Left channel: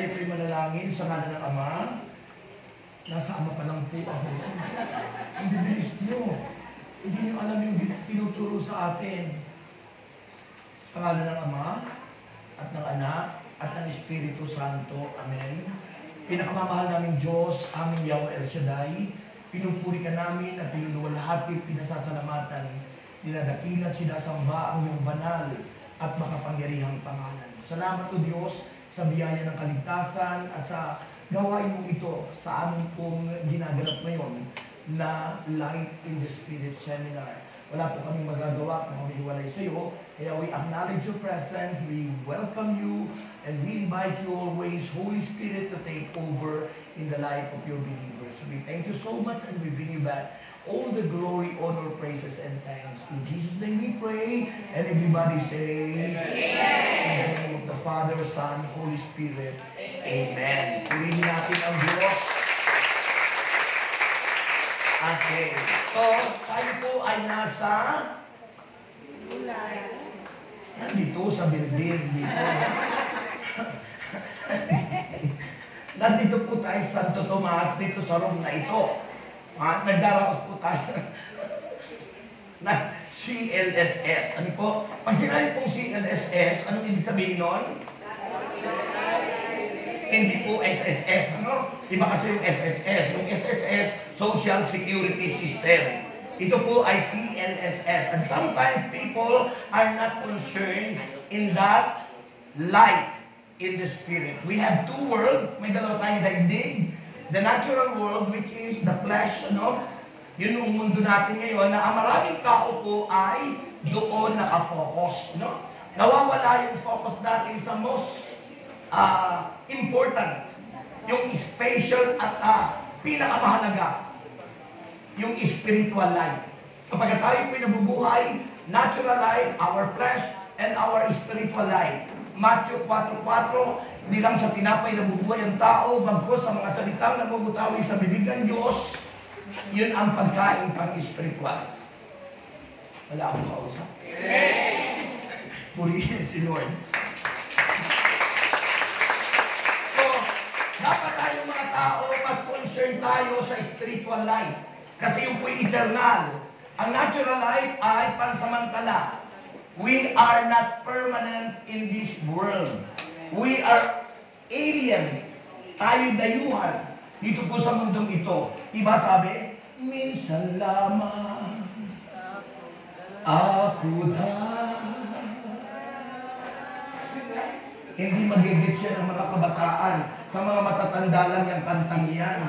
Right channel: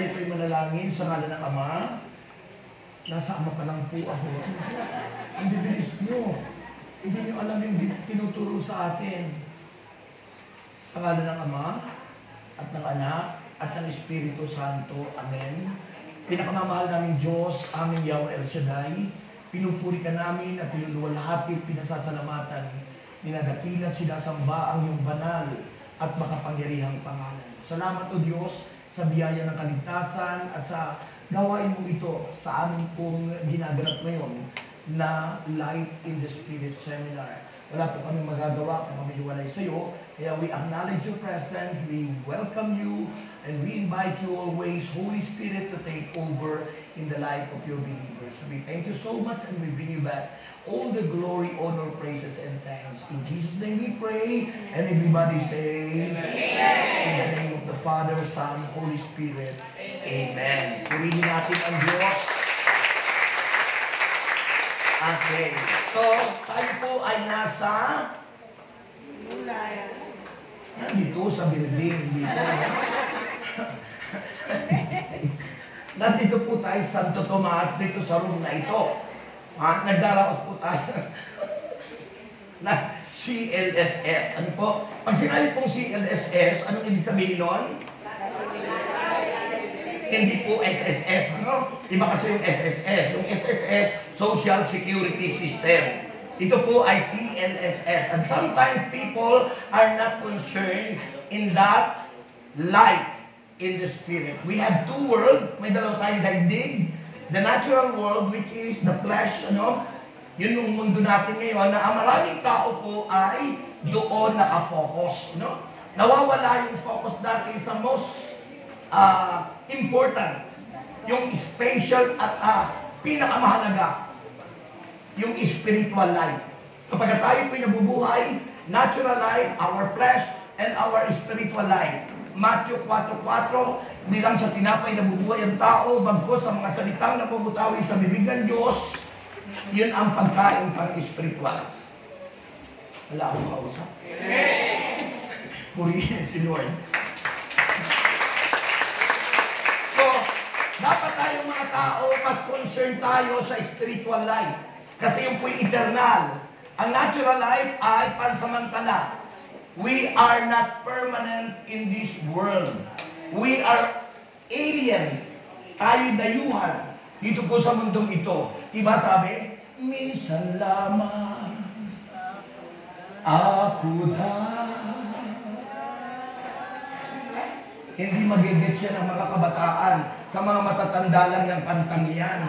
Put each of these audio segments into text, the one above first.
Tayo po'y manalangin sa ngalan ng Ama. Nasa Ama pa lang po ako. Ang bibilis nyo. Hindi nyo alam yung tinuturo sa atin. Sa ngalan ng Ama, at ng Anak, at ng Espiritu Santo. Amen. Pinakamamahal naming Diyos, aming Yahweh El Shaddai, pinupuri ka namin at pinululuwalhati, pinasasalamatan, dinadakilat, sinasamba ang iyong banal at makapangyarihang pangalan. Salamat o Diyos sa biyaya ng kaligtasan at sa gawain mo ito sa amin pong ginaganap ngayon na Light in the Spirit Seminar. Wala po kami magagawa kung kami hiwalay sa iyo. Kaya we acknowledge your presence, we welcome you, and we invite you always, Holy Spirit, to take over in the life of your believers. We thank you so much and we bring you back all the glory, honor, praises, and thanks. In Jesus' name we pray, and everybody say, Amen. In the name of the Father, Son, Holy Spirit, Amen. Purihin natin ang Diyos. Okay. So, tayo po ay nasa nandito sa building. Nandito po tayo sa Santo Tomas, dito sa room na ito. Nagdaraos po tayo na CLSS. Ano po? Pag sinabi pong CLSS, anong ibig sabihin nun? Hindi po SSS. Ano? Iba kasi yung SSS. Yung SSS, Social Security System. Ito po ay CLSS. And sometimes people are not concerned in that light in the spirit. We have two worlds. May dalawa tayong daigdig. The natural world, which is the flesh, ano? Yun yung mundo natin ngayon, na ang maraming tao po ay doon nakafocus, no? Nawawala yung focus natin sa most important, yung spatial at pinakamahalaga, yung spiritual life. Sapagkat tayo po'y nabubuhay, natural life, our flesh, and our spiritual life. Matthew 4:4, hindi lang sa tinapay nabubuhay ang tao, bagkus sa mga salitang nabubutawi sa bibig ng Diyos, yun ang pagkain pang-spiritual. Wala akong kausap. Amen. Purihin si Lord. So, dapat tayong mga tao, mas concerned tayo sa spiritual life. Kasi yung po'y eternal. Ang natural life ay pansamantala. We are not permanent in this world. We are alien. Tayo'y dayuhan dito po sa mundong ito. Diba sabi? Minsan lamang ako na. Hindi magigit siya ng mga kabataan. Sa mga matatanda lang ng kantang yan.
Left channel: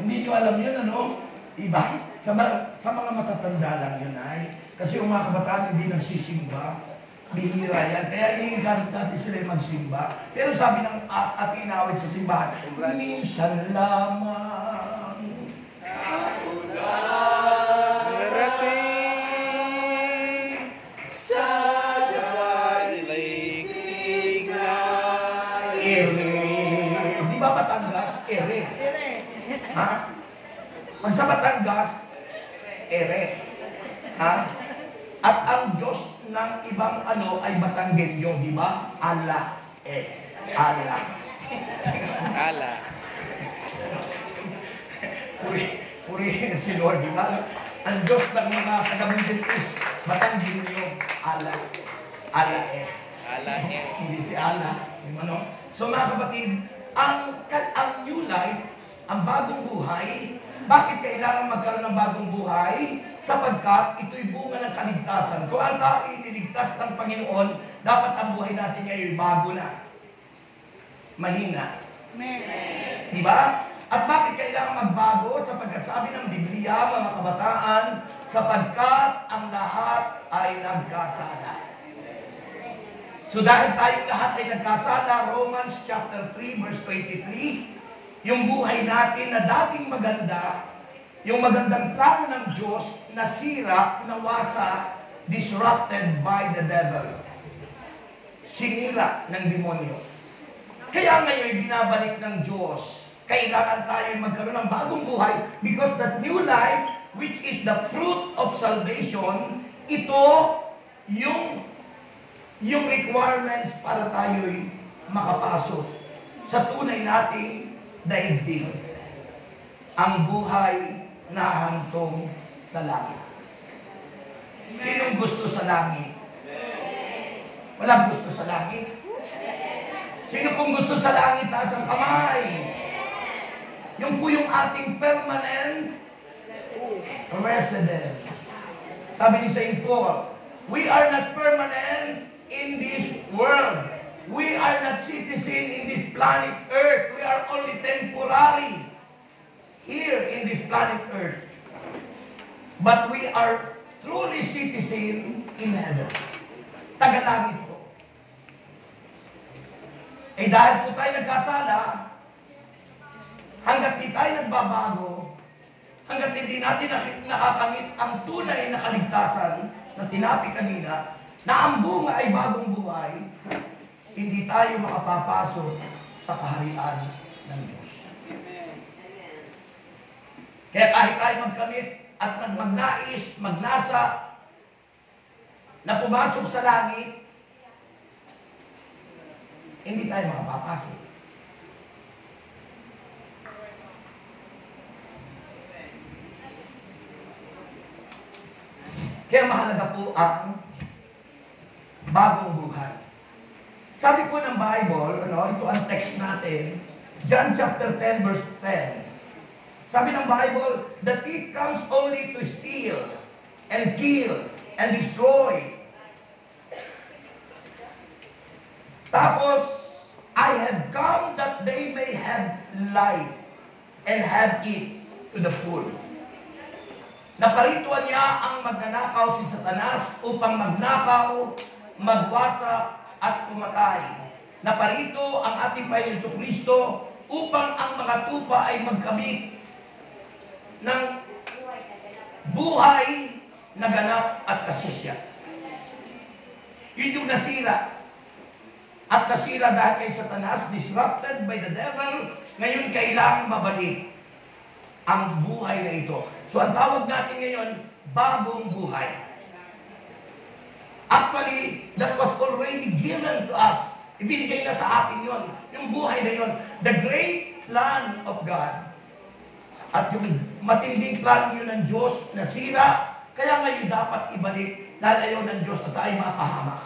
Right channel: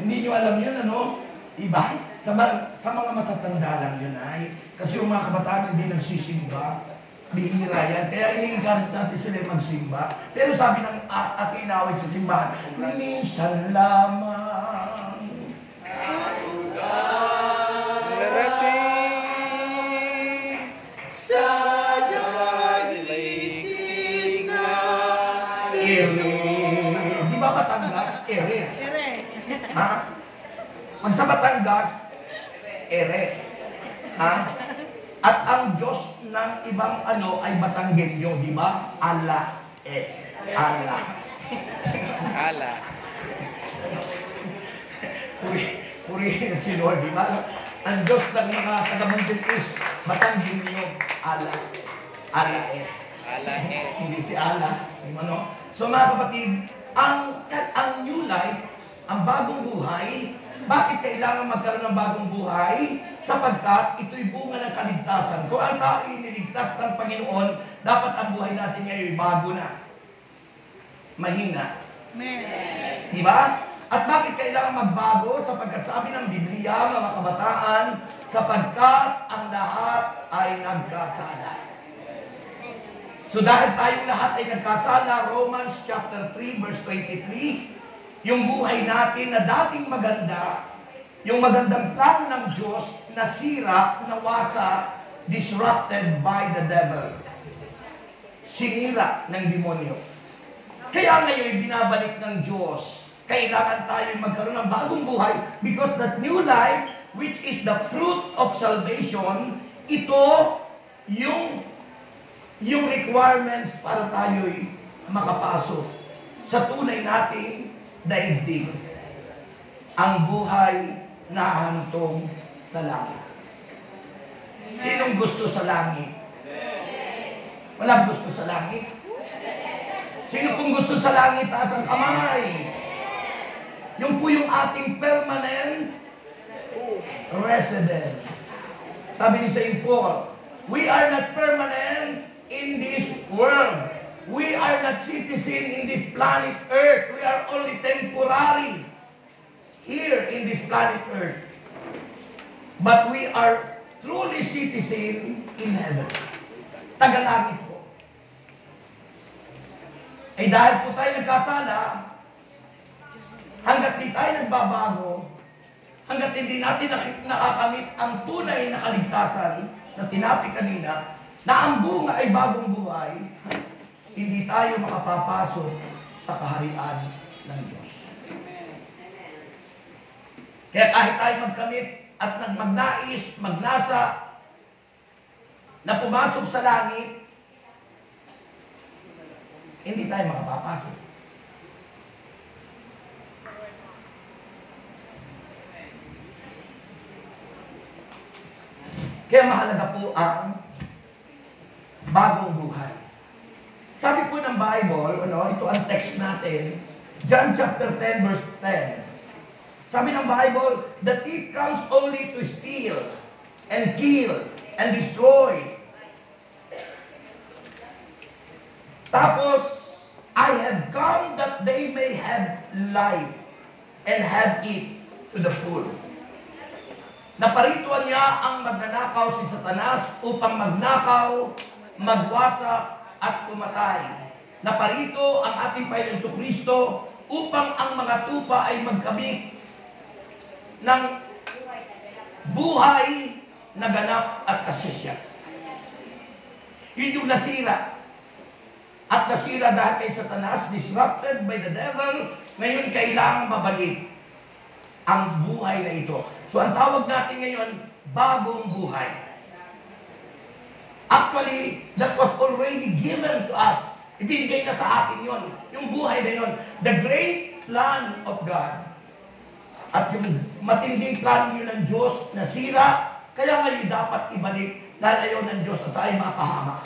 Hindi nyo alam yun, ano? Diba? Sa mga matatanda lang yun ay. Kasi yung mga kabataan hindi nagsisimba. Bihira yan. Kaya inigamit natin sila magsimba. Pero sabi ng ating inawit sa simbahan, minsan lamang ako narating sa daigdig na ere. Di ba Batangas? Ere. Ha? Pag sa Batangas, ere. Ha? At ang Diyos ng ibang ano ay Batanggenyo, di ba? Allah. Allah. ala. Purihin si Lord, di ba? Ang Diyos ng mga taga-Bantin is Batanggenyo, Allah. Allah Ala Hindi si Allah. Ano? So mga kapatid, ang new life, ang bagong buhay, bakit kailangan magkaroon ng bagong buhay? Sapagkat ito'y bunga ng kaligtasan. Kung ang tao ay niligtas ng Panginoon, dapat ang buhay natin ngayon bago na. Mahina. Amen. Diba? At bakit kailangan magbago? Sapagkat sabi ng Biblia, mga kabataan, sapagkat ang lahat ay nagkasala. So dahil tayong lahat ay nagkasala, Romans chapter 3 verse 23, yung buhay natin na dating maganda, yung magandang plano ng Diyos, nasira, nawasa, disrupted by the devil. Sinira ng demonyo. Kaya ngayon, binabalik ng Diyos. Kailangan tayo magkaroon ng bagong buhay because that new life, which is the fruit of salvation, ito yung requirements para tayo'y makapasok sa tunay nating daigdig, ang buhay na hantong sa langit. Sinong gusto sa langit? Walang gusto sa langit. Sino pong gusto sa langit? Taas ang kamay. Yung po yung ating permanent residence. Sabi ni St. Paul, we are not permanent in this world. We are not citizen in this planet Earth. We are only temporary here in this planet Earth. But we are truly citizen in heaven. Taga-langit po. Eh dahil po tayo nagkasala, hanggat di tayo nagbabago, hanggat hindi natin nakakamit ang tunay na kaligtasan na tinapi kanina, na ang bunga ay bagong buhay, hindi tayo makapapasok sa kaharian ng Diyos. Kaya kahit tayo magkamit at magnais, magnasa, na pumasok sa langit, hindi tayo makapapasok. Kaya mahalaga po ang bagong buhay. Sabi po ng Bible, ito ang text natin, John chapter 10 verse 10. Sabi ng Bible, the thief comes only to steal and kill and destroy. Tapos, I have come that they may have life and have it to the full. Naparituan niya ang magnanakaw si Satanas upang magnakaw, magwasak at pumatay. Naparito ang ating Panginoon Jesucristo upang ang mga tupa ay magkamit ng buhay na ganap at kasisya. Yun yung nasira. At nasira dahil kay Satanas, disrupted by the devil, ngayon kailangang mabalik ang buhay na ito. So ang tawag natin ngayon, bagong buhay. Actually, that was already given to us. Ibinigay na sa atin yon, yung buhay na yon. The great plan of God. At yung matinding plan yun ng Diyos na sira, kaya ngayon dapat ibalik dahil ayaw ng Diyos at tayo mapahamak.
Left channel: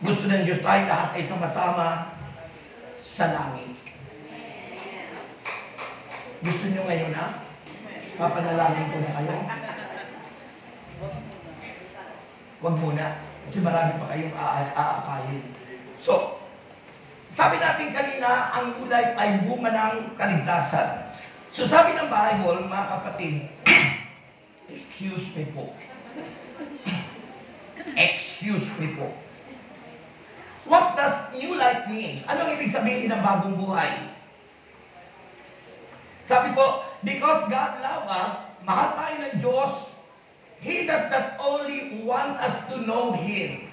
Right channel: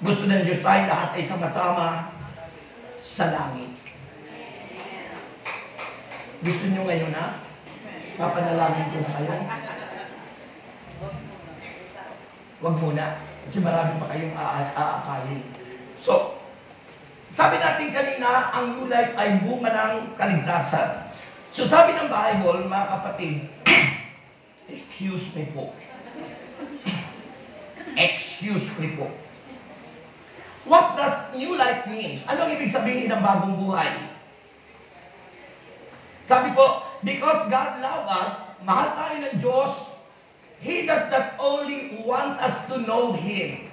Gusto ng Diyos tayo lahat ay sama-sama sa langit. Gusto nyo ngayon na? Papanalangin ko na kayo? Huwag muna. Kasi marami pa kayong aakayin. So, sabi natin kanina, ang new life ay bunga ng kaligtasan. So sabi ng Bible, mga kapatid, excuse me po. Excuse me po. What does new life mean? Ano ang ibig sabihin ng bagong buhay? Sabi po, because God loves us, mahal tayo ng Diyos, He does not only want us to know Him.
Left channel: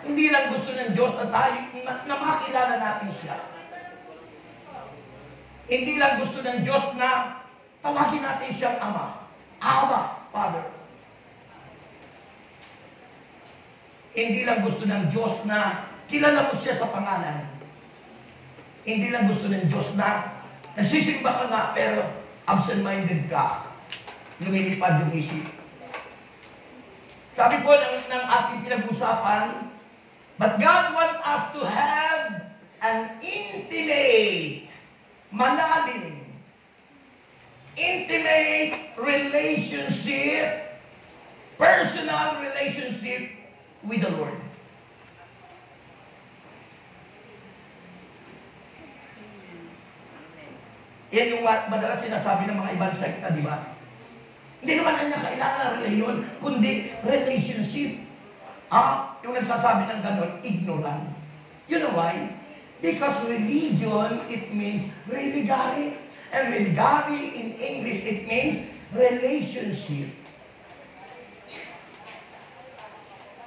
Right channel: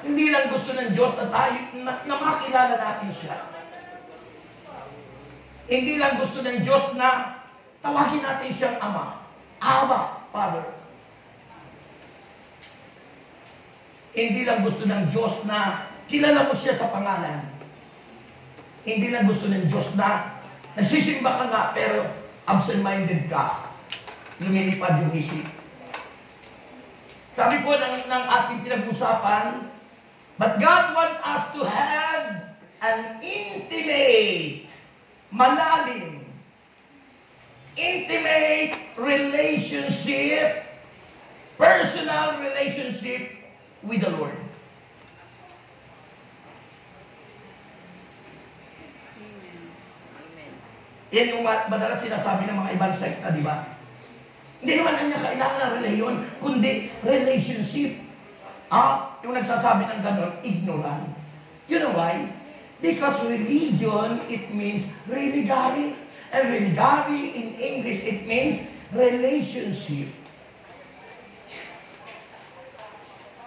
Hindi lang gusto ng Diyos na tayo, na makilala natin siya. Hindi lang gusto ng Diyos na tawagin natin siyang Ama. Abba, Father. Hindi lang gusto ng Diyos na kilala mo siya sa pangalan. Hindi lang gusto ng Diyos na nagsisimba ka nga pero absent-minded ka. Lumilipad yung isip. Sabi po ng ating pinag-usapan, but God wants us to have an intimate, malalim, intimate relationship, personal relationship with the Lord. Yan yung madalas sinasabi ng mga ibang sekta, di ba? Hindi naman kanya kailangan ng reliyon, kundi relationship. Yung nagsasabi ng ganon, ignorant. You know why? Because religion, it means religare. And religare in English, it means relationship.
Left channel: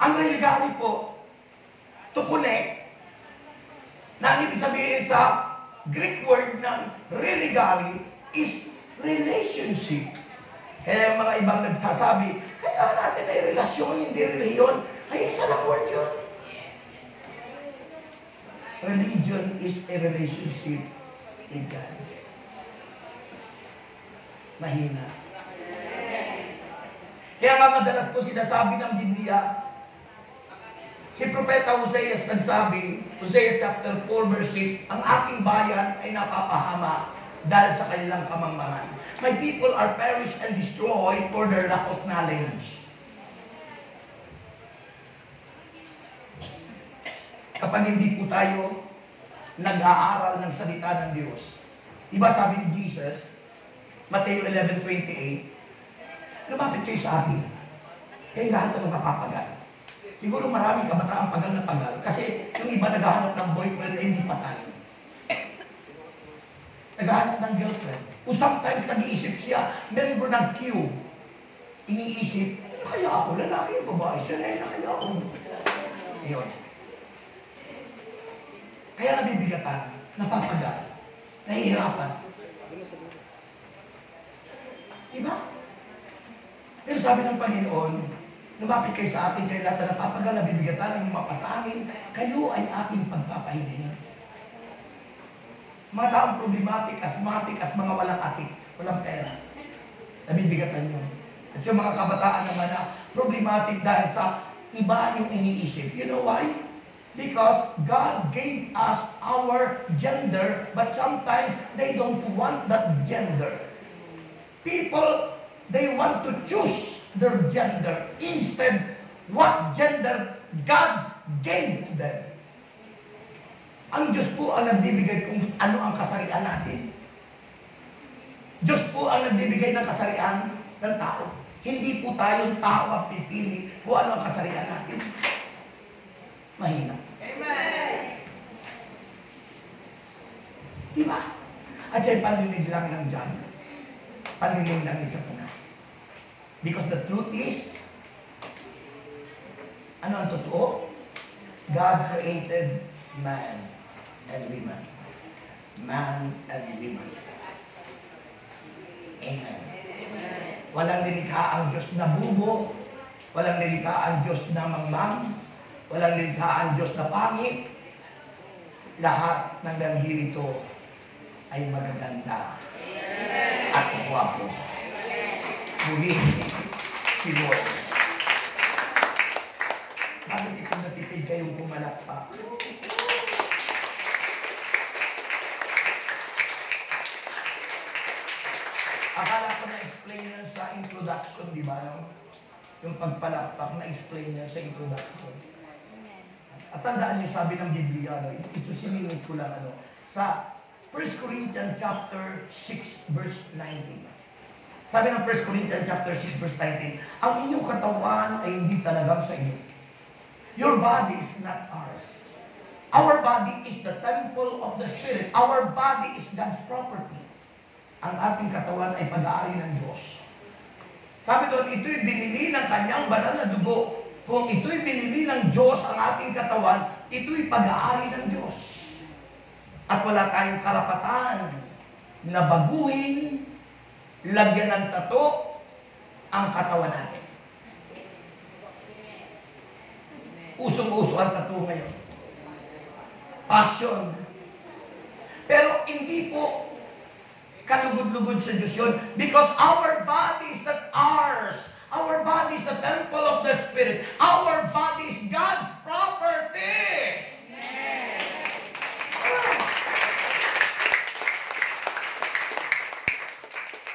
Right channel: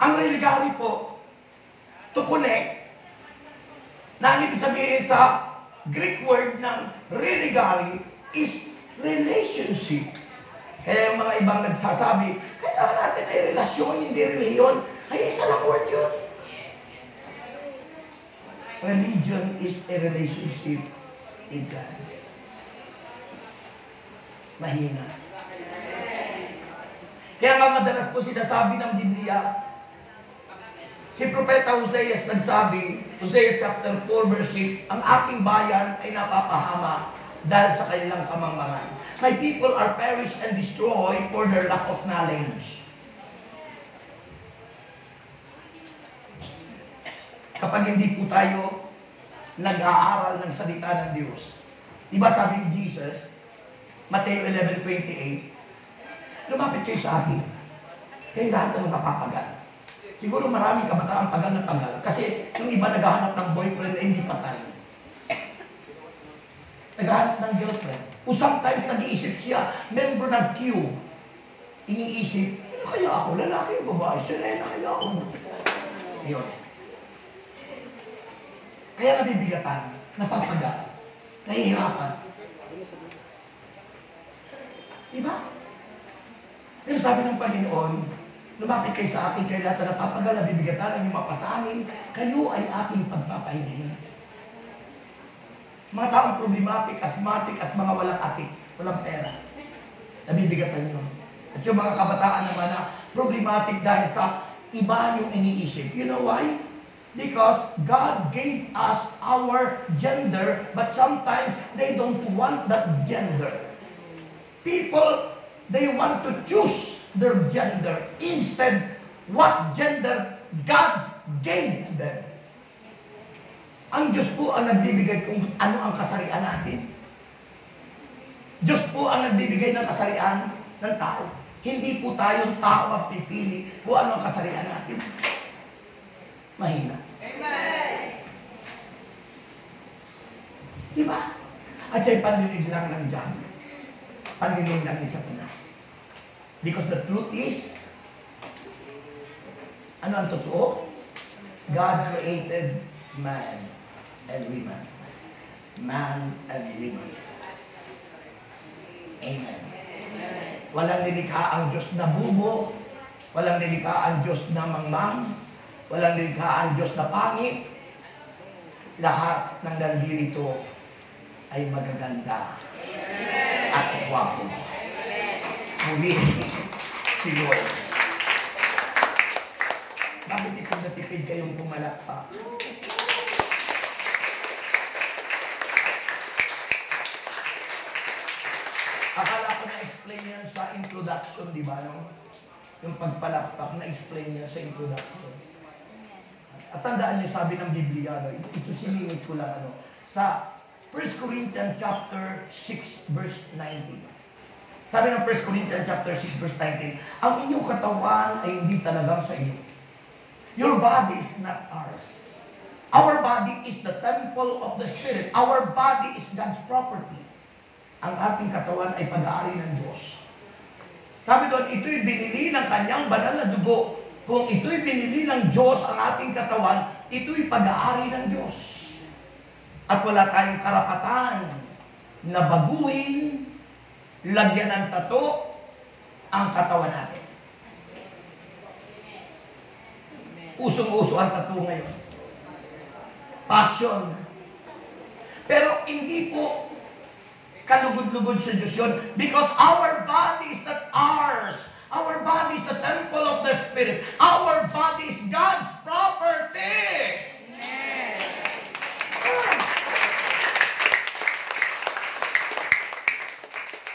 Ang religare po, to connect, na ang ibig sabihin sa Greek word ng religare is relationship. Kaya yung mga ibang nagsasabi, kailangan natin ay relasyon, hindi reliyon. Ay, isa lang word yun. Religion is a relationship with God. Mahina. Kaya nga madalas po sinasabi ng Biblia, si Propeta Hosea nagsabi, Hosea chapter 4 verse 6, ang aking bayan ay napapahama dahil sa kanilang kamangmangan. My people are perished and destroyed for their lack of knowledge. Kapag hindi po tayo nag-aaral ng salita ng Diyos. Diba sabi ni Jesus, Mateo 11:28, lumapit kayo sa akin. Kayong lahat ng mga papagal. Siguro maraming kabataang pagal na pagal. Kasi yung iba naghahanap ng boyfriend na hindi patay. Naghahanap ng girlfriend. O sometimes nag-iisip siya, member ng Q. Iniisip, ano kaya ako? Lalaki o babae? Sirena kaya ako? Yun. Kaya nabibigatan, napapagal, nahihirapan. Diba? Pero sabi ng Panginoon, lumapit kayo sa akin, kayo lahat na napapagal, nabibigatan, ang mapasanin, kayo ay aking pagpapahingahin. Mga taong problematic, asthmatic, at mga walang atik, walang pera. Nabibigatan yun. At yung mga kabataan naman na problematic dahil sa iba yung iniisip. You know why? Because God gave us our gender, but sometimes they don't want that gender. People, they want to choose their gender instead what gender God gave them. Ang Diyos po ang nagbibigay kung ano ang kasarian natin. Diyos po ang nagbibigay ng kasarian ng tao. Hindi po tayong tao ang pipili kung ano ang kasarian natin. Mahina. Amen. Diba? At yung panlinig lang ng Diyan. Panlinig lang ni Satanas. Because the truth is, ano ang totoo? God created man and woman. Man and woman. Amen. Walang nilikha ang Diyos na bubo. Walang nilikha ang Diyos na mangmang. Walang nilikha ang Diyos na pangit. Lahat ng nandito ay magaganda at gwapo. Muli, si Lord. Bakit ikaw natipid kayong pumalakpak? Akala ko na-explain niya sa introduction, di ba? No? Yung pagpalakpak, na-explain niya sa introduction. At tandaan niyo, sabi ng Biblia, no? Ito siningit ko lang, sa 1 Corinthians chapter 6, verse 19. Sabi ng 1 Corinthians chapter 6, verse 19, ang inyong katawan ay hindi talagang sa inyo. Your body is not ours. Our body is the temple of the Spirit. Our body is God's property. Ang ating katawan ay pag-aari ng Diyos. Sabi doon, ito'y binili ng kanyang banal na dugo. Kung ito'y binili ng Diyos ang ating katawan, ito'y pag-aari ng Diyos. At wala tayong karapatan na baguhin, lagyan ng tato ang katawan natin. Usong-uso ang tato ngayon. Passion. Pero hindi po kalugod-lugod sa Diyos yun. Because our body is not ours. Our body is the temple of the Spirit. Our body is God's property. Amen.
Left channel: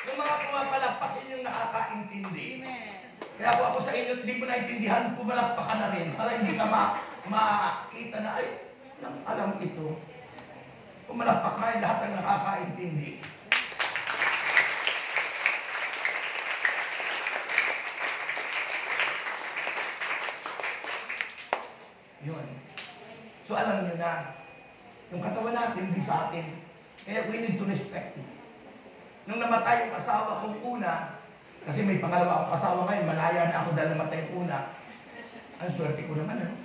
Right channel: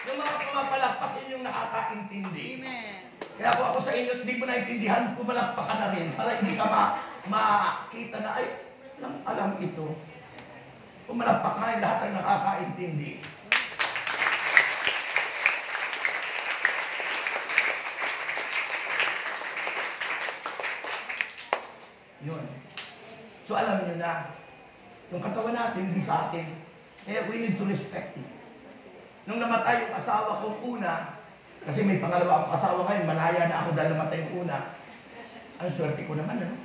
Yung mga pumapalakpakin yung nakakaintindi. Amen. Kaya po ako sa inyo, hindi mo naintindihan, pumalakpakan na rin. Para hindi ka makita na, ay, alam ito. Pumalakpak na yung lahat ng nakakaintindi. Yun. So alam nyo na, yung katawan natin, hindi sa atin. Kaya we need to respect it. Nung namatay yung asawa kong una, kasi may pangalawa akong asawa ngayon, malaya na ako dahil namatay yung una. Ang swerte ko naman, ano?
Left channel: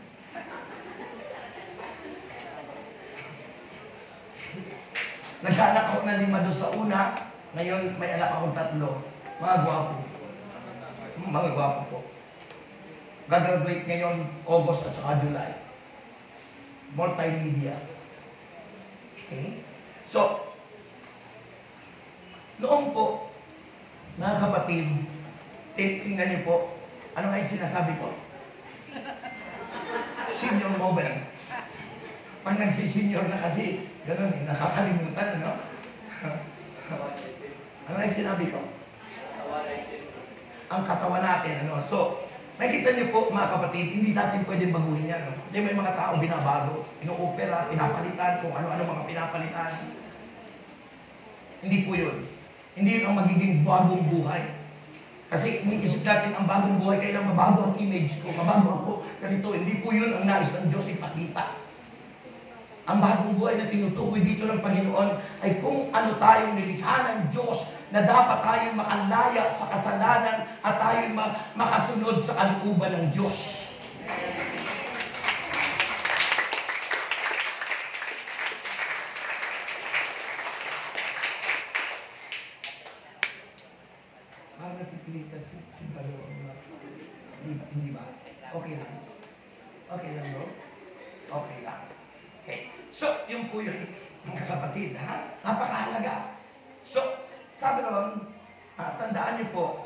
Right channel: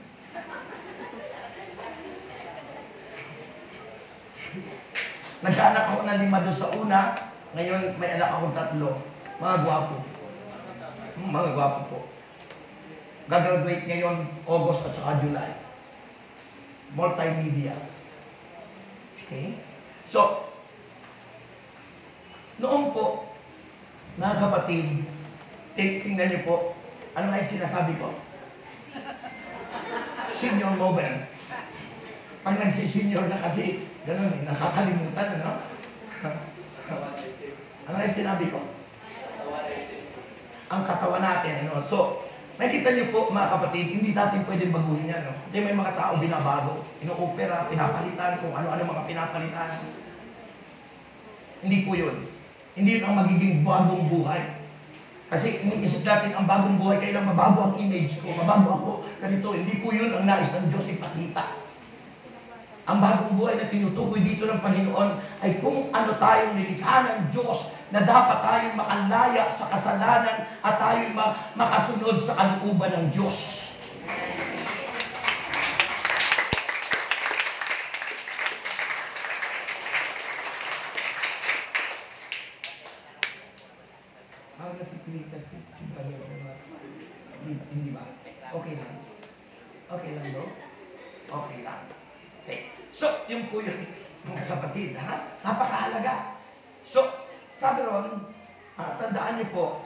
Nagkaanak ako ng 5 doon sa una, ngayon may anak akong 3. Mga gwapo. Mga gwapo po. Gagraduate ngayon, August at saka July. Multimedia. Okay? So, noong po, mga kapatid, tingnan niyo po, ano nga yung sinasabi ko? Senior moment. Pag nagsisenior na kasi, gano'n eh, nakakalimutan, ano? Ano nga yung sinabi ko? Ang katawan natin, ano? So, nakita niyo po, mga kapatid, hindi natin pwedeng baguhin yan, no? Kasi may mga tao binabago, ino-opera, pinapalitan, kung ano-ano mga pinapalitan. Hindi po yun. Hindi yun ang magiging bagong buhay. Kasi inisip natin ang bagong buhay, kailang mabago ang image ko, mabago ako, ganito. Hindi po yun ang nais ng Diyos ipakita. Ang bagong buhay na tinutukoy dito ng Panginoon ay kung ano tayong nilikha ng Diyos na dapat tayong makalaya sa kasalanan at tayong makasunod sa kalooban ng Diyos. Parang napipilitan si Brother Omar. Hindi ba? Okay lang. Okay lang, bro? Okay lang. Okay. So, yun po yun, mga kapatid, ha? Napakahalaga. So, sabi naman, tandaan niyo po,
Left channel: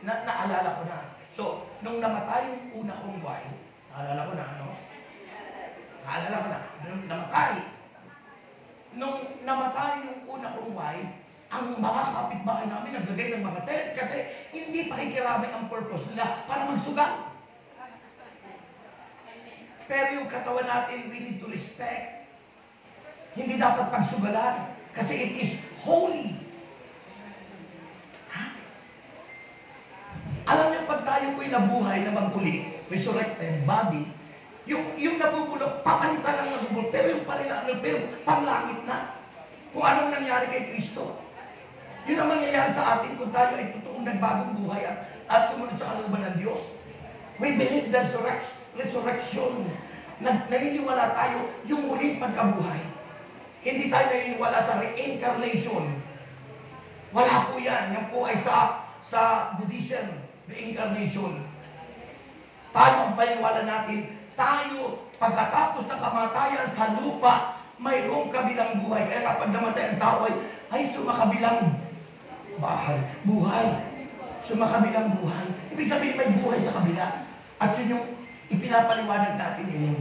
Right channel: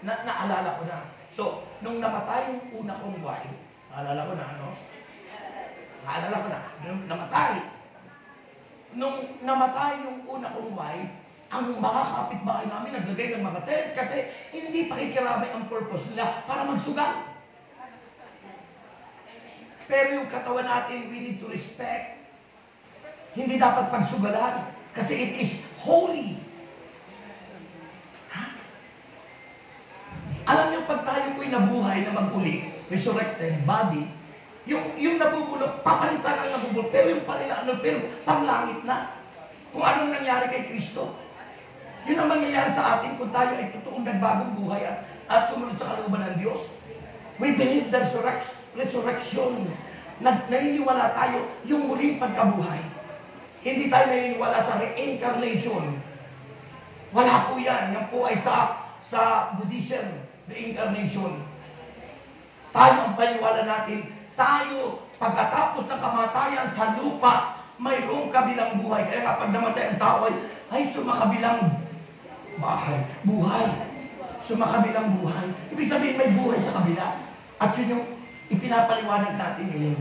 naalala ko na. So, nung namatay yung una kong wife, naalala ko na, no? Naalala ko na, nung namatay. Nung namatay yung una kong wife, ang mga kapitbahay namin naglagay ng mga tent kasi hindi pakikiramay ang purpose nila para magsugal. Pero yung katawan natin, we need to respect. Hindi dapat pagsugalan kasi it is holy. Ha? Alam niyo, pag tayo po'y nabuhay na mag-uli, resurrected body, yung nabubulok, papalitan ang nabubulok, pero yung pero panglangit na. Kung anong nangyari kay Kristo. Yun ang mangyayari sa atin kung tayo ay totoong nagbagong buhay at sumunod sa kalooban ng Diyos. We believe the resurrection. Naniniwala tayo yung muling pagkabuhay. Hindi tayo naniniwala sa reincarnation. Wala po yan. Yan po ay sa Buddhism, reincarnation. Tayo ang paniwala natin, tayo pagkatapos ng kamatayan sa lupa, mayroong kabilang buhay. Kaya kapag namatay ang tao ay sumakabilang buhay. Sumakabilang buhay. Ibig sabihin may buhay sa kabila. At yun yung ipinapaliwanag natin ngayon.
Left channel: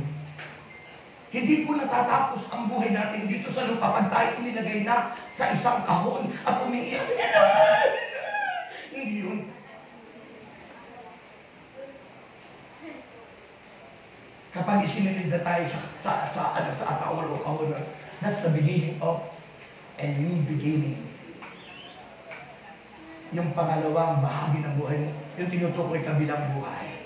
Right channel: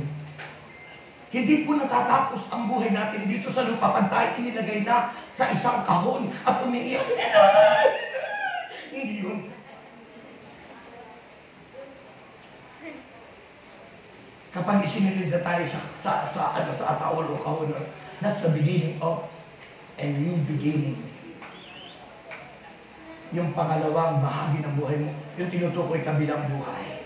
Hindi po natatapos ang buhay natin dito sa lupa pag tayo inilagay na sa isang kahon at umiiyak. Hindi yun. Kapag isinilid na tayo sa ataol o kahon, that's the beginning of a new beginning. Yung pangalawang bahagi ng buhay mo, yung tinutukoy kabilang buhay.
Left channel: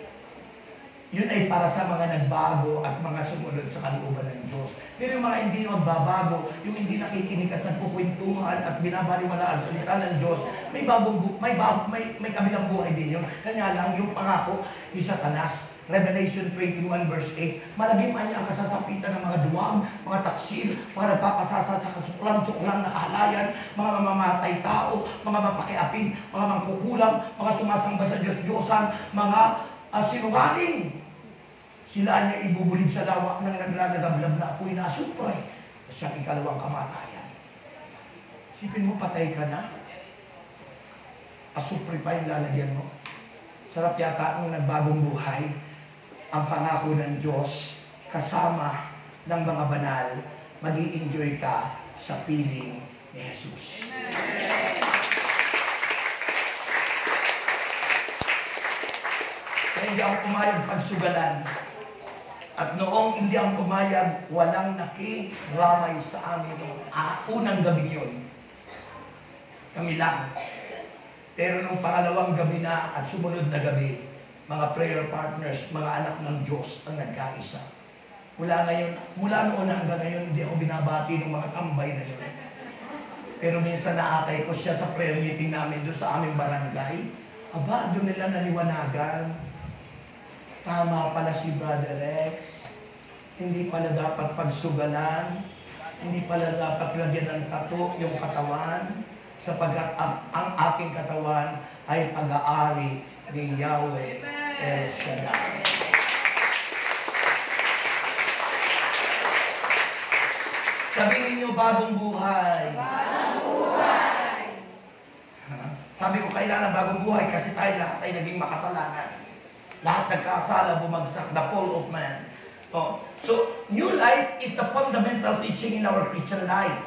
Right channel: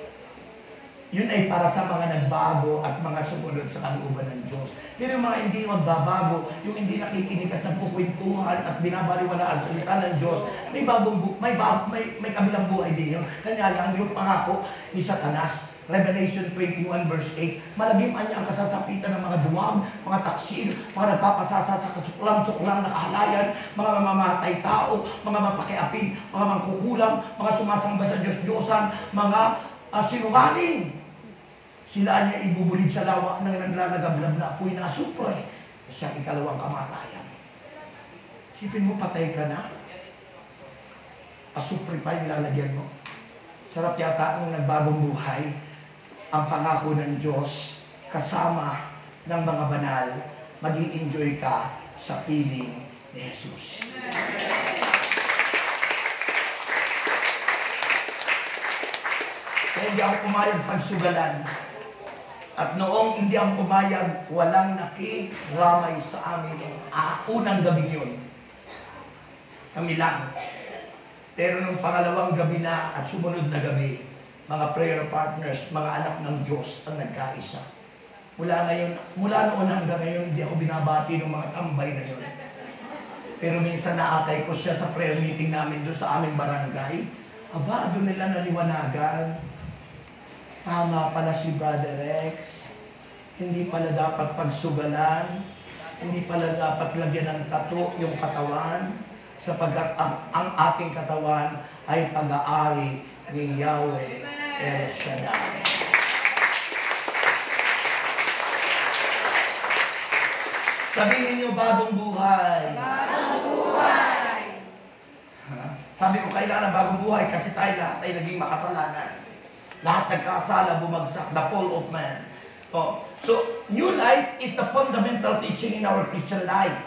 Yun ay para sa mga nagbago at mga sumunod sa kalooban ng Diyos. Pero yung mga hindi magbabago, yung hindi nakikinig at nagkukwentuhan at binabaliwalaan sa salita ng Diyos, may kabilang buhay din yun. Kanya lang yung pangako ni Satanas. Revelation 21 verse 8, malagiman niya ang kasasapitan ng mga duwag, mga taksil, mga nagpapasasa sa kasuklam-suklam na kahalayan, mga mamamatay tao, mga mapakiapin, mga mangkukulam, mga sumasamba sa Diyos-Diyosan, mga sinungaling. Sila niya ibubulid sa lawak ng naglalagablab na apoy na asupre sa siyang ikalawang kamatayan. Sipin mo, patay ka na. Asupre pa yung lalagyan mo. Sarap yata ng nagbagong buhay ang pangako ng Diyos kasama ng mga banal, mag-i-enjoy ka sa piling ni Jesus. Kaya hindi ako pumayag pagsugalan. At noong hindi ako pumayag, walang nakiramay sa amin. Unang gabi yun. Kami lang. Pero nung pangalawang gabi na at sumunod na gabi, mga prayer partners, mga anak ng Diyos ang nagkaisa. Mula noon hanggang ngayon, hindi ako binabati ng mga tambay na yun. Pero minsan naatay ko siya sa prayer meeting namin doon sa aming barangay. Aba, doon nila naliwanagan. Tama pala si Brother Rex. Hindi pala dapat pagsugalan. Hindi pala dapat lagyan ng tattoo yung katawan. Sapagkat ang aking katawan ay pag-aari ni Yahweh El Shaddai. Sabihin niyo, bagong buhay. Sabi ko, kailangan ng bagong buhay kasi tayo lahat ay naging makasalanan. Lahat nagkasala, bumagsak, the fall of man. So, new life is the fundamental teaching in our Christian life.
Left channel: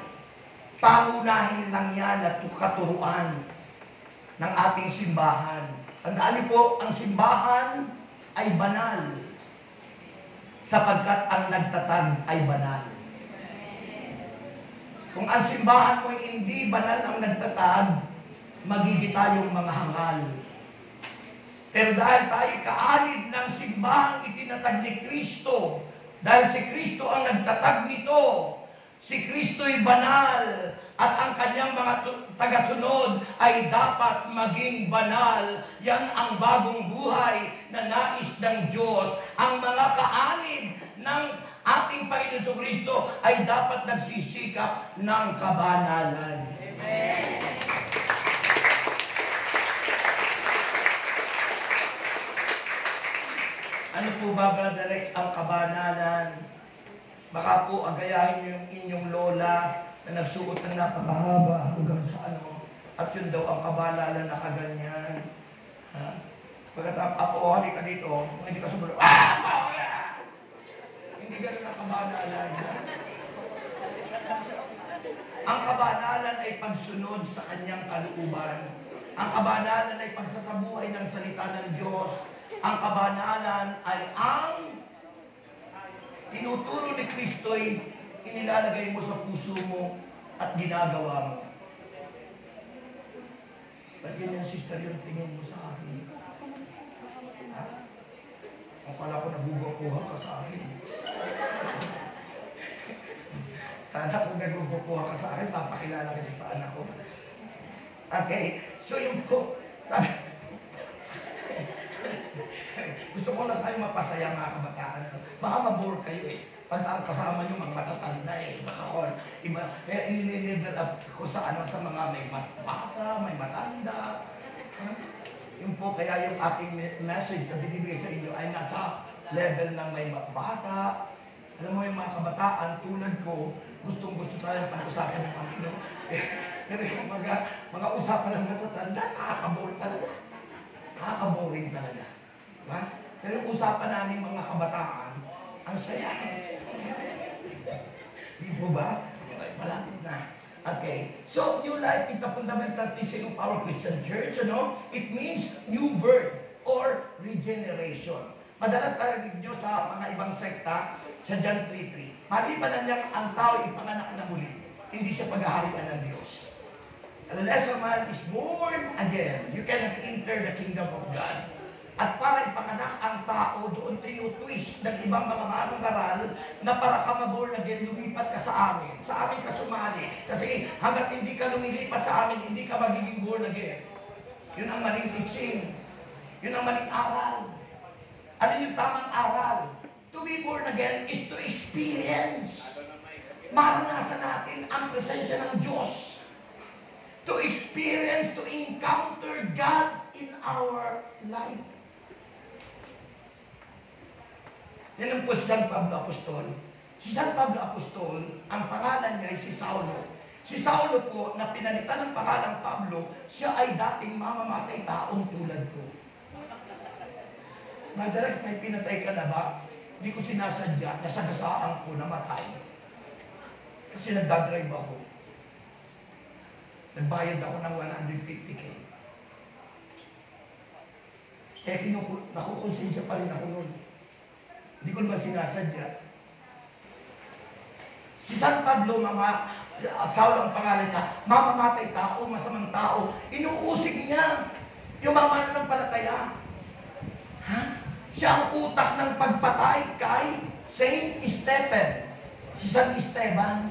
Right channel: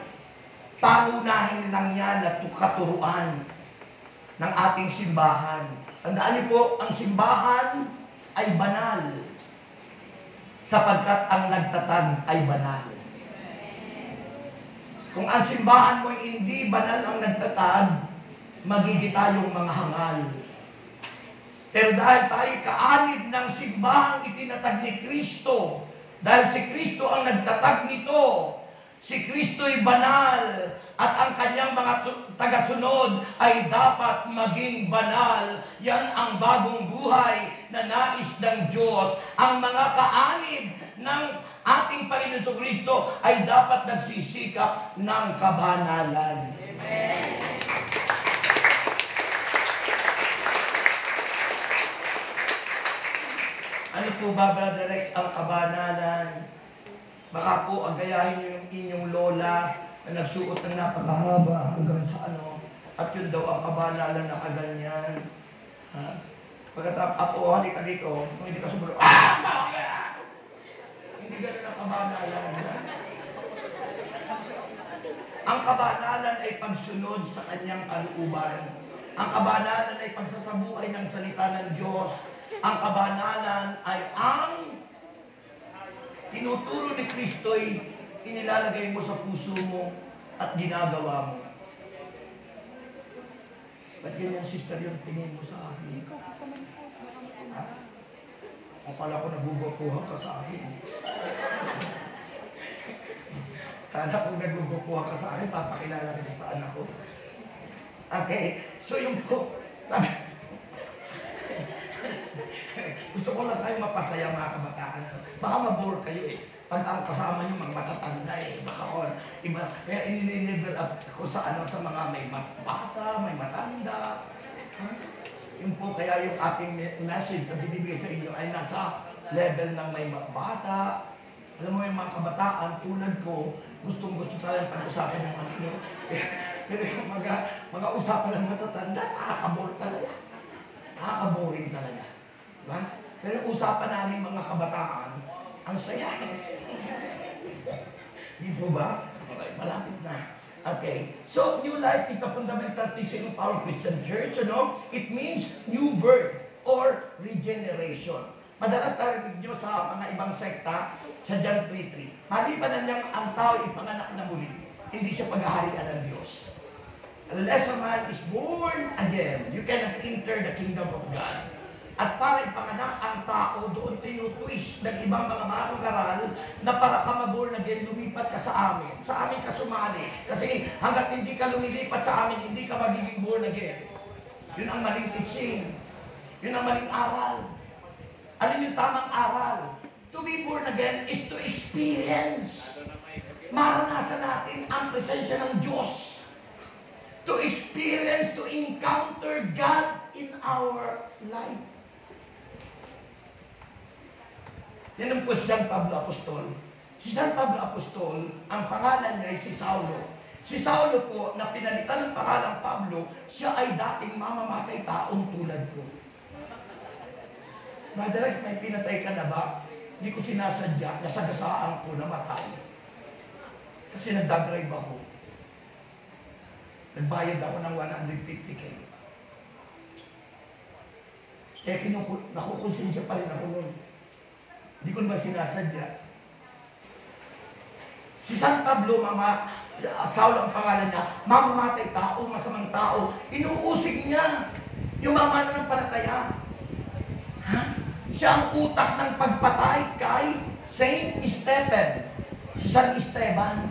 Pangunahin lang yan at katuruan ng ating simbahan. Tandaan niyo po, ang simbahan ay banal sapagkat ang nagtatag ay banal. Kung ang simbahan mo hindi banal ang nagtatag, magiging tayong mga hangal. Pero dahil tayo kaanib ng simbahang itinatag ni Kristo, dahil si Kristo ang nagtatag nito, si Kristo'y banal, at ang kanyang mga tagasunod ay dapat maging banal. Yan ang bagong buhay na nais ng Diyos. Ang mga kaanib ng ating Panginoon Kristo ay dapat nagsisikap ng kabanalan. Amen. Ano po ba, Brother Rex, ang kabanalan? Baka po agayahin niyo yung inyong lola na nagsuot ng napakahaba hanggang sa ano, at yun daw ang kabanalan na kaganyan. Pagkatapos, ako, halika dito, kung hindi ka sumunod, hindi ganun ang kabanalan. Ang kabanalan ay pagsunod sa kanyang kalooban. Ang kabanalan ay pagsasabuhay ng salita ng Diyos. Ang kabanalan ay ang tinuturo ni Kristo'y inilalagay mo sa puso mo at ginagawa mo. At yun yung sister yung tingin mo sa akin. Akala ko nagugupuhan ka sa akin. Sana kung nagugupuhan ka sa akin, papakilala kita sa anak ko. Okay, so yung po, sabi, gusto ko lang tayo mapasaya mga kabataan. Baka mabore kayo eh. Pag ang kasama nyo mga matatanda eh. Baka ko, iba. Kaya in-level up ko sa ano, sa mga may bata, may matanda. Yung po kaya yung ating message na binibigay sa inyo ay nasa level ng may bata. Alam mo yung mga kabataan tulad ko, gustong-gusto tayong pag-usapan ng ano. Pero yung mga usapan ng matatanda, nakaka-bore talaga. Nakaka-boring talaga. Diba? Pero yung usapan namin mga kabataan, ang saya. Di po ba? Malapit na. Okay. So, new life is the fundamental teaching of our Christian church. You know? It means new birth or regeneration. Madalas tarinig nyo sa mga ibang sekta, sa John 3:3. Maliban na niyang ang tao ipanganak na muli, hindi siya paghaharian ng Diyos. Unless a man is born again, you cannot enter the kingdom of God. At para ipanganak ang tao, doon tinutwist ng ibang mga manungaral na para ka ma-born again, lumipat ka sa amin. Sa amin ka sumali. Kasi hanggat hindi ka lumilipat sa amin, hindi ka magiging born again. Yun ang maling teaching. Yun ang maling aral. Ano yung tamang aral? To be born again is to experience. Maranasan natin ang presensya ng Diyos. To experience, to encounter God in our life. Yan ang po si San Pablo Apostol. Si San Pablo Apostol, ang pangalan niya ay si Saulo. Si Saulo po, na pinalitan ng pangalang Pablo, siya ay dating mamamatay taong tulad ko. Madalas may pinatay ka na ba? Hindi ko sinasadya, nasagasaan ko namatay. Kasi nagdadrive ako. Nagbayad ako ng 150K. Kaya nakukonsensya pa rin ako noon. Hindi ko naman sinasadya. Si San Pablo, Saulo ang pangalan niya, mamamatay tao, masamang tao, inuusig niya yung mamano ng palataya. Siya ang utak ng pagpatay kay Saint Stephen, si San Esteban,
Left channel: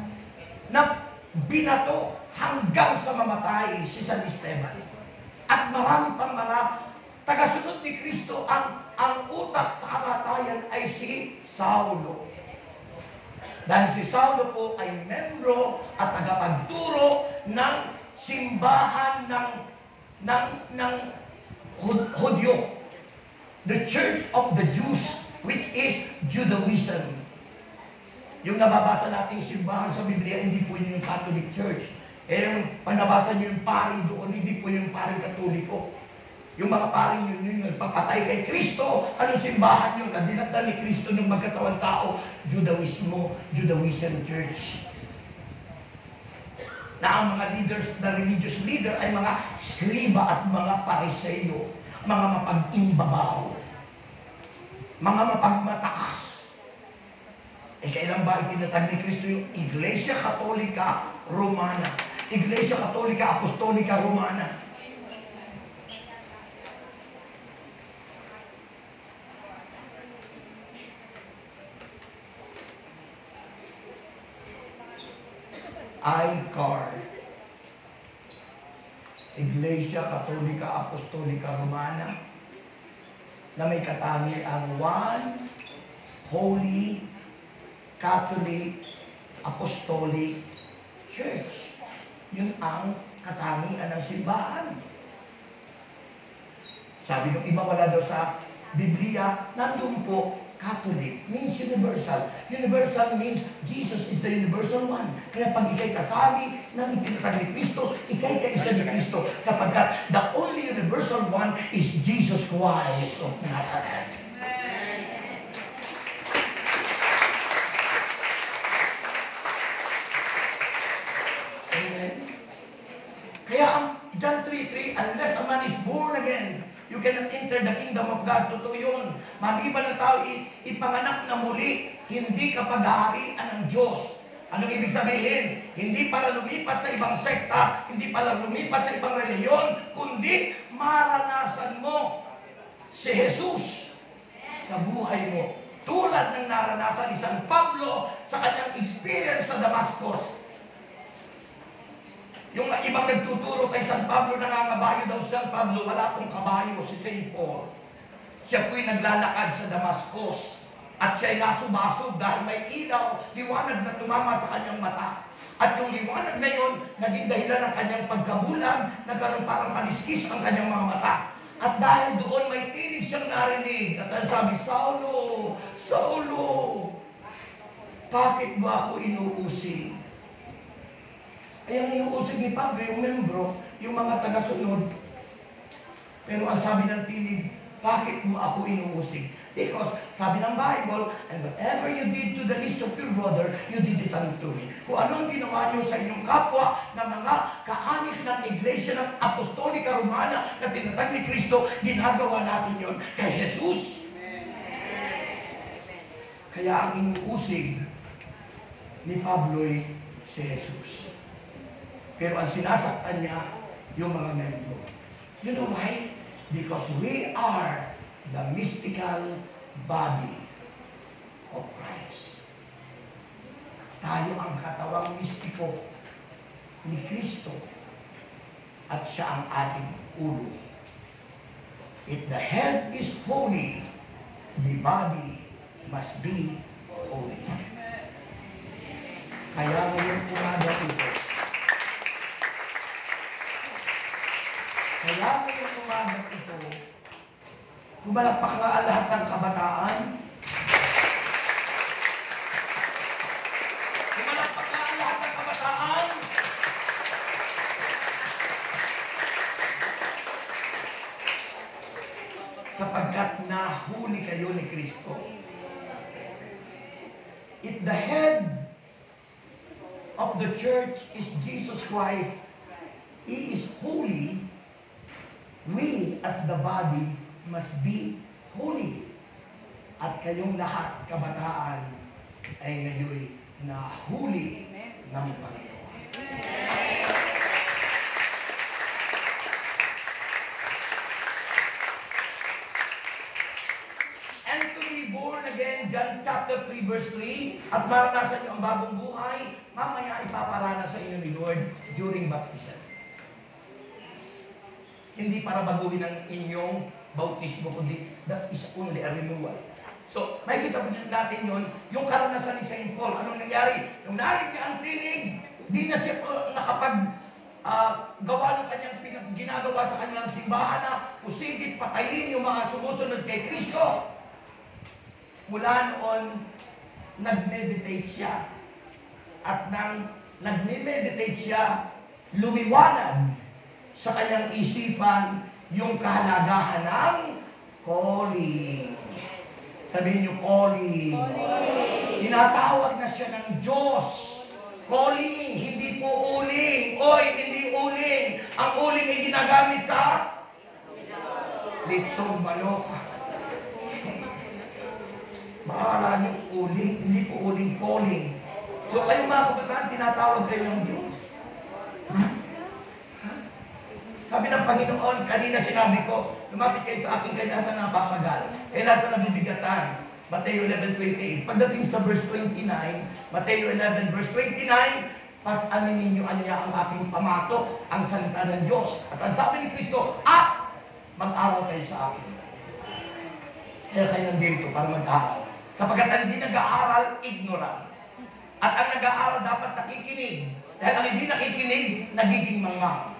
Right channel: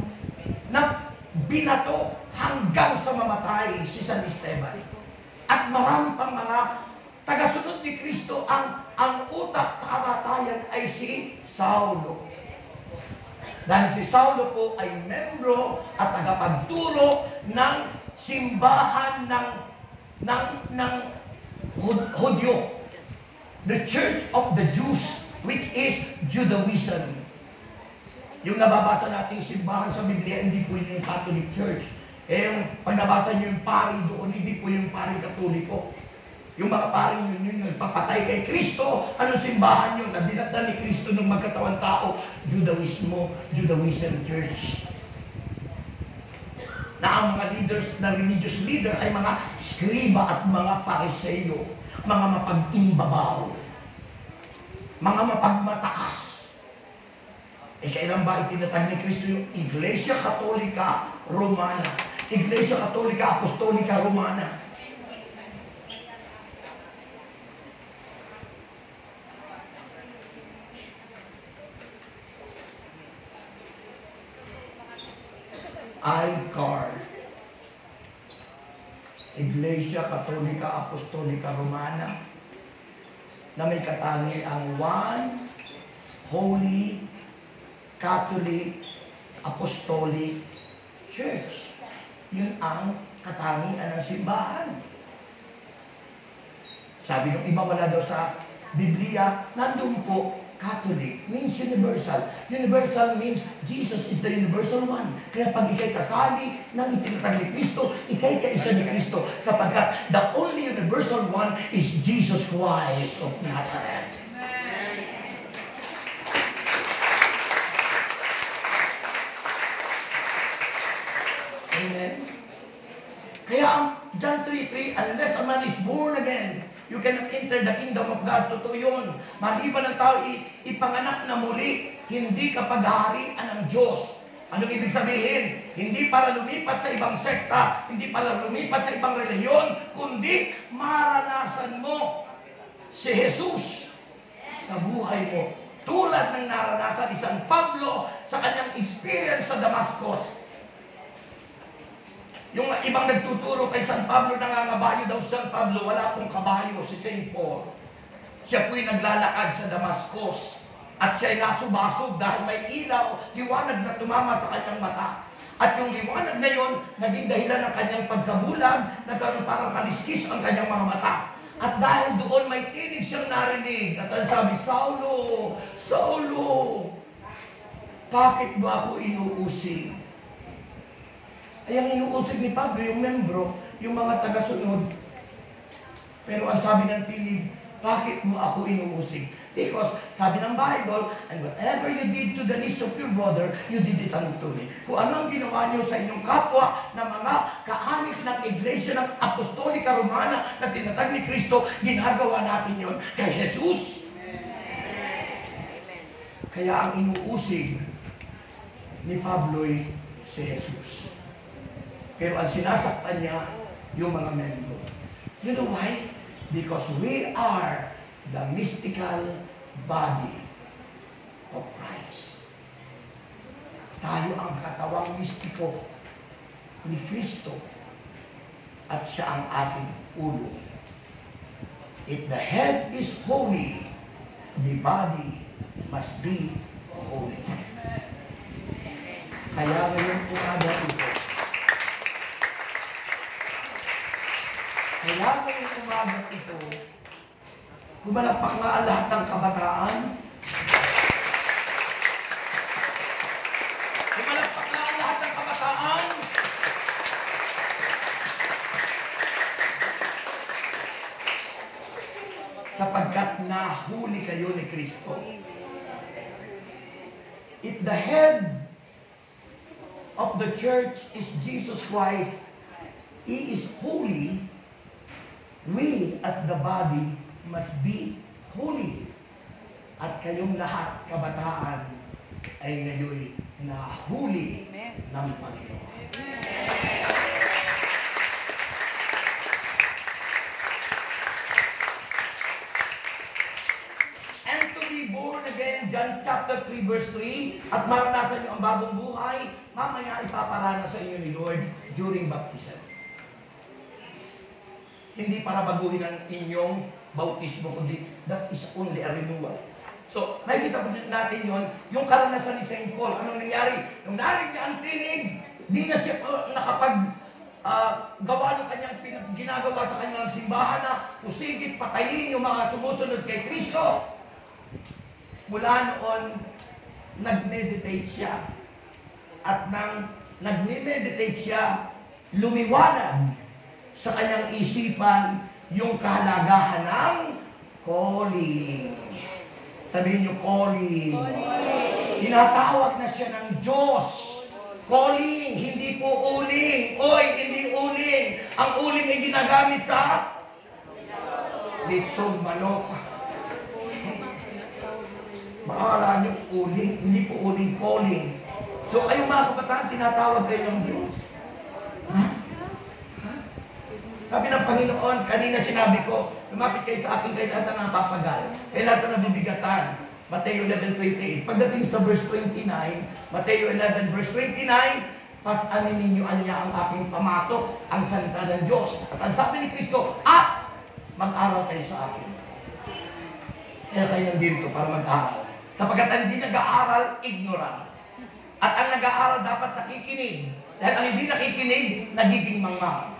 na binato hanggang sa mamatay si San Esteban. At marami pang mga tagasunod ni Kristo, ang utak sa kamatayan ay si Saulo. Dahil si Saulo po ay membro at tagapagturo ng simbahan ng Hudyo. The Church of the Jews, which is Judaism. Yung nababasa natin simbahan sa Biblia, hindi po yun yung Catholic Church. Yung pag nabasa nyo yung pari doon, hindi po yung pari Katoliko. Yung mga paring yun nagpapatay kay Kristo. Anong simbahan yun? Na dinadala ni Kristo ng magkatawang tao? Judaism Church. Na ang mga leaders, na religious leader ay mga skriba at mga pariseyo, mga mapag-imbabaw, mga mapagmataas. Kailan ba itinatag ni Kristo yung Iglesia Katolika Romana? Iglesia Katolika Apostolika Romana. ICAR, Iglesia Katolika Apostolika Romana, na may katangi ang One Holy Catholic Apostolic Church. Yun ang katangian ng simbahan. Sabi nung iba, wala daw sa Biblia, nandun po, Catholic means universal. Universal means Jesus is the universal one. Kaya pag ikay kasali ng itinatag ni Kristo, ikay kaisa ni Kristo, sapagkat the only universal one is Jesus Christ of Nazareth. Amen. Kaya ang John 3:3, unless a man is born again, you cannot enter the kingdom of God. Totoo yun. Maliban ng tao ipanganak na muli, hindi ka paghaharian ng Diyos. Anong ibig sabihin? Hindi para lumipat sa ibang sekta, hindi para lumipat sa ibang reliyon, kundi maranasan mo si Jesus sa buhay mo. Tulad ng naranasan ni San Pablo sa kanyang experience sa Damascus. Yung ibang nagtuturo kay San Pablo, nangangabayo daw San Pablo, wala pong kabayo si St. Paul. Siya po'y naglalakad sa Damascus at siya'y nasubasog dahil may ilaw, liwanag na tumama sa kanyang mata. At yung liwanag na yun, naging dahilan ng kanyang pagkabulag, nagkaroon parang kaliskis ang kanyang mga mata. At dahil doon may tinig siyang narinig at ang sabi, Saulo, Saulo, bakit ba ako inuusig? Ay, ang inuusig ni Pablo, yung membro, yung mga taga-sunod. Pero ang sabi ng tinig, bakit mo ako inuusig? Because, sabi ng Bible, and whatever you did to the least of your brother, you did it unto me. Kung ano ang ginawa niyo sa inyong kapwa na mga kaanib ng Iglesia ng Apostolika Romana na tinatag ni Kristo, ginagawa natin yon kay Jesus. Kaya ang inuusig ni Pablo'y si Jesus. Pero ang sinasaktan niya, yung mga membro. You know why? Because we are the mystical body of Christ. Tayo ang katawang mistiko ni Kristo at siya ang ating ulo. If the head is holy, the body must be holy. Kaya ngayon umaga ito, gumalakpak na ang lahat ng kabataan. Gumalakpak na ang lahat ng kabataan. Sapagkat nahuli kayo ni Kristo. If the head of the church is Jesus Christ, He is holy, we as the body must be holy. At kayong lahat, kabataan, ay ngayon nahuli ng Panginoon. And to be born again, John chapter 3 verse 3, at maranasan nyo ang bagong buhay, mamaya ipaparana sa inyo ni Lord during baptism. Hindi para baguhin ang inyong bautismo, kundi that is only a renewal. So, nakikita po natin yun, yung karanasan ni St. Paul. Anong nangyari? Nung narinig niya ang tinig, di na siya gawa ng kanyang ginagawa sa kanyang simbahan na pusigit, patayin yung mga sumusunod kay Kristo. Mula noon, nag-meditate siya. At nang nag-meditate siya, lumiwanag sa kanyang isipan yung kahalagahan ng calling. Sabihin niyo, calling. Tinatawag na siya ng Diyos. Calling, hindi po uling. Oy, hindi uling. Ang uling ay ginagamit sa litsong manok. Bahala niyo uling, hindi po uling, calling. So kayo mga kabataan, tinatawag kayo ng Diyos. Sabi ng Panginoon, kanina sinabi ko, lumapit kayo sa akin kayo lahat na napapagal, kayo lahat na nabibigatan. Mateo 11:28. Pagdating sa verse 29, Mateo 11 verse 29, pasanin ninyo niya ang aking pamatok, ang salita ng Diyos. At ang sabi ni Kristo, mag-aral kayo sa akin. Kaya kayo nandito para mag-aral. Sapagkat ang hindi nag-aaral, ignorant. At ang nag-aaral dapat nakikinig. Dahil ang hindi nakikinig, nagiging mangmang.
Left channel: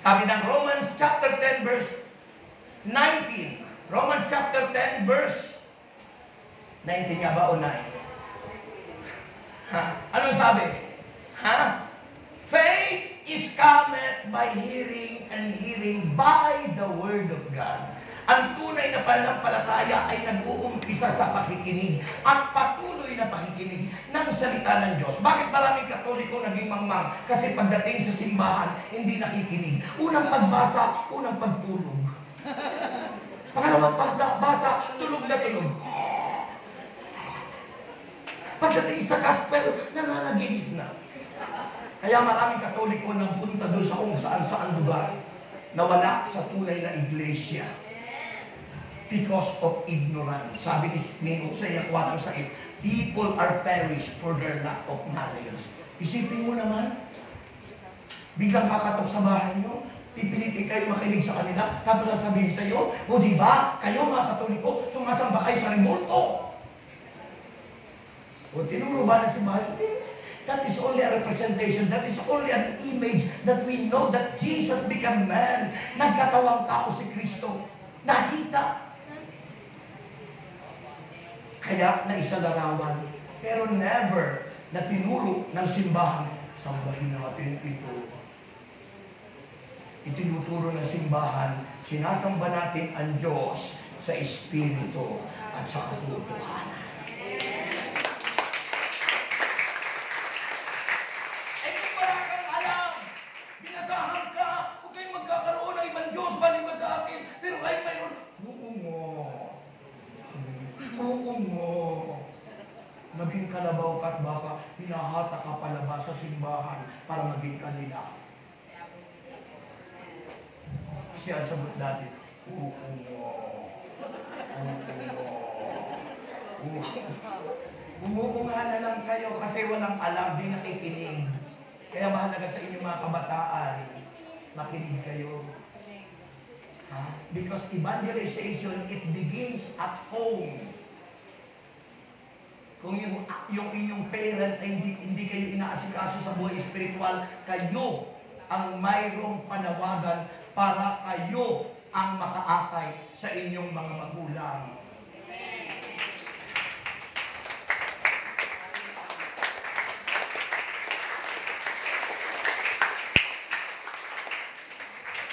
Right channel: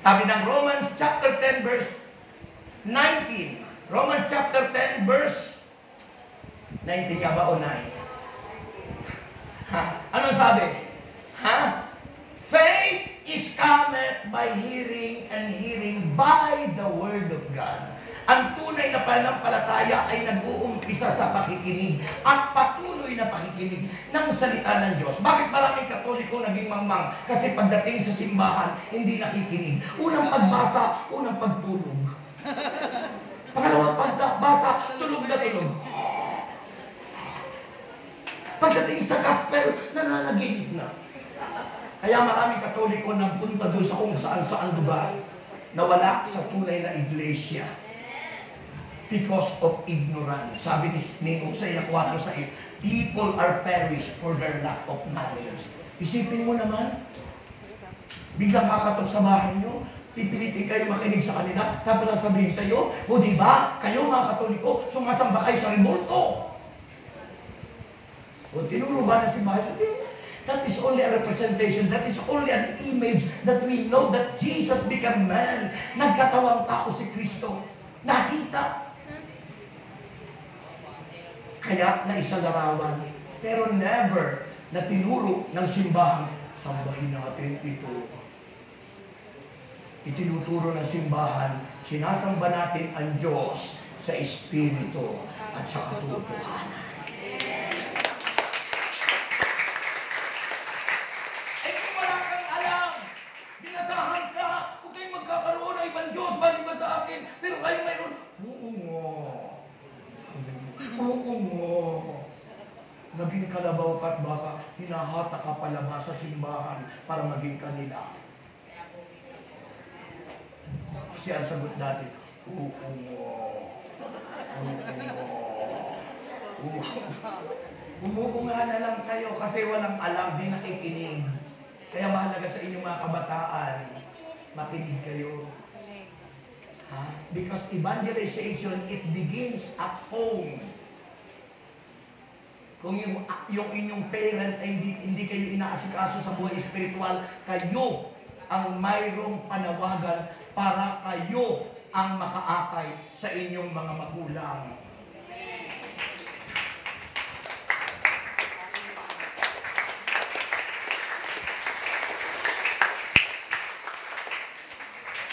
Sabi ng Romans chapter 10 verse 19. Romans chapter 10 verse 19 nga ba o 9? Anong sabi? Faith is cometh by hearing, and hearing by the word of God. Ang tunay na pananampalataya ay nag-uumpisa sa pakikinig at patuloy na pakikinig ng salita ng Diyos. Bakit maraming Katoliko naging mangmang? Kasi pagdating sa simbahan, hindi nakikinig. Unang pagbasa, unang pagtulog. Pangalawang pagbasa, tulog na tulog. Pagdating sa gospel, nananaginip na. Kaya maraming Katoliko nagpunta doon sa kung saan-saan lugar na wala sa tunay na iglesia. Because of ignorance. Sabi ni Hosea 4:6, people are perished for their lack of knowledge. Isipin mo naman, biglang kakatok sa bahay nyo, pipilitin kayo makinig sa kanila, tapos sasabihin sa iyo, o diba, kayo mga Katoliko, sumasamba kayo sa remoto. O tinuro ba na si Mahal? That is only a representation. That is only an image that we know that Jesus became man. Nagkatawang tao si Kristo. Nakita. Kaya naisalarawan. Pero never na tinuro ng simbahan, sambahin natin ito. Itinuturo ng simbahan, sinasamba natin ang Diyos sa Espiritu at sa katotohanan. Pero kayo mayroon, oo mo. Naging kalabaw ka't baka hinahata ka palabas sa simbahan para maging kanila. Kasi ang sagot natin, oo mo. Oo nga na lang kayo kasi walang alam, di nakikinig. Kaya mahalaga sa inyong mga kabataan, makinig kayo. Because evangelization, it begins at home. Kung yung inyong parent ay hindi kayo inaasikaso sa buhay espiritual, kayo ang mayroong panawagan para kayo ang makaakay sa inyong mga magulang.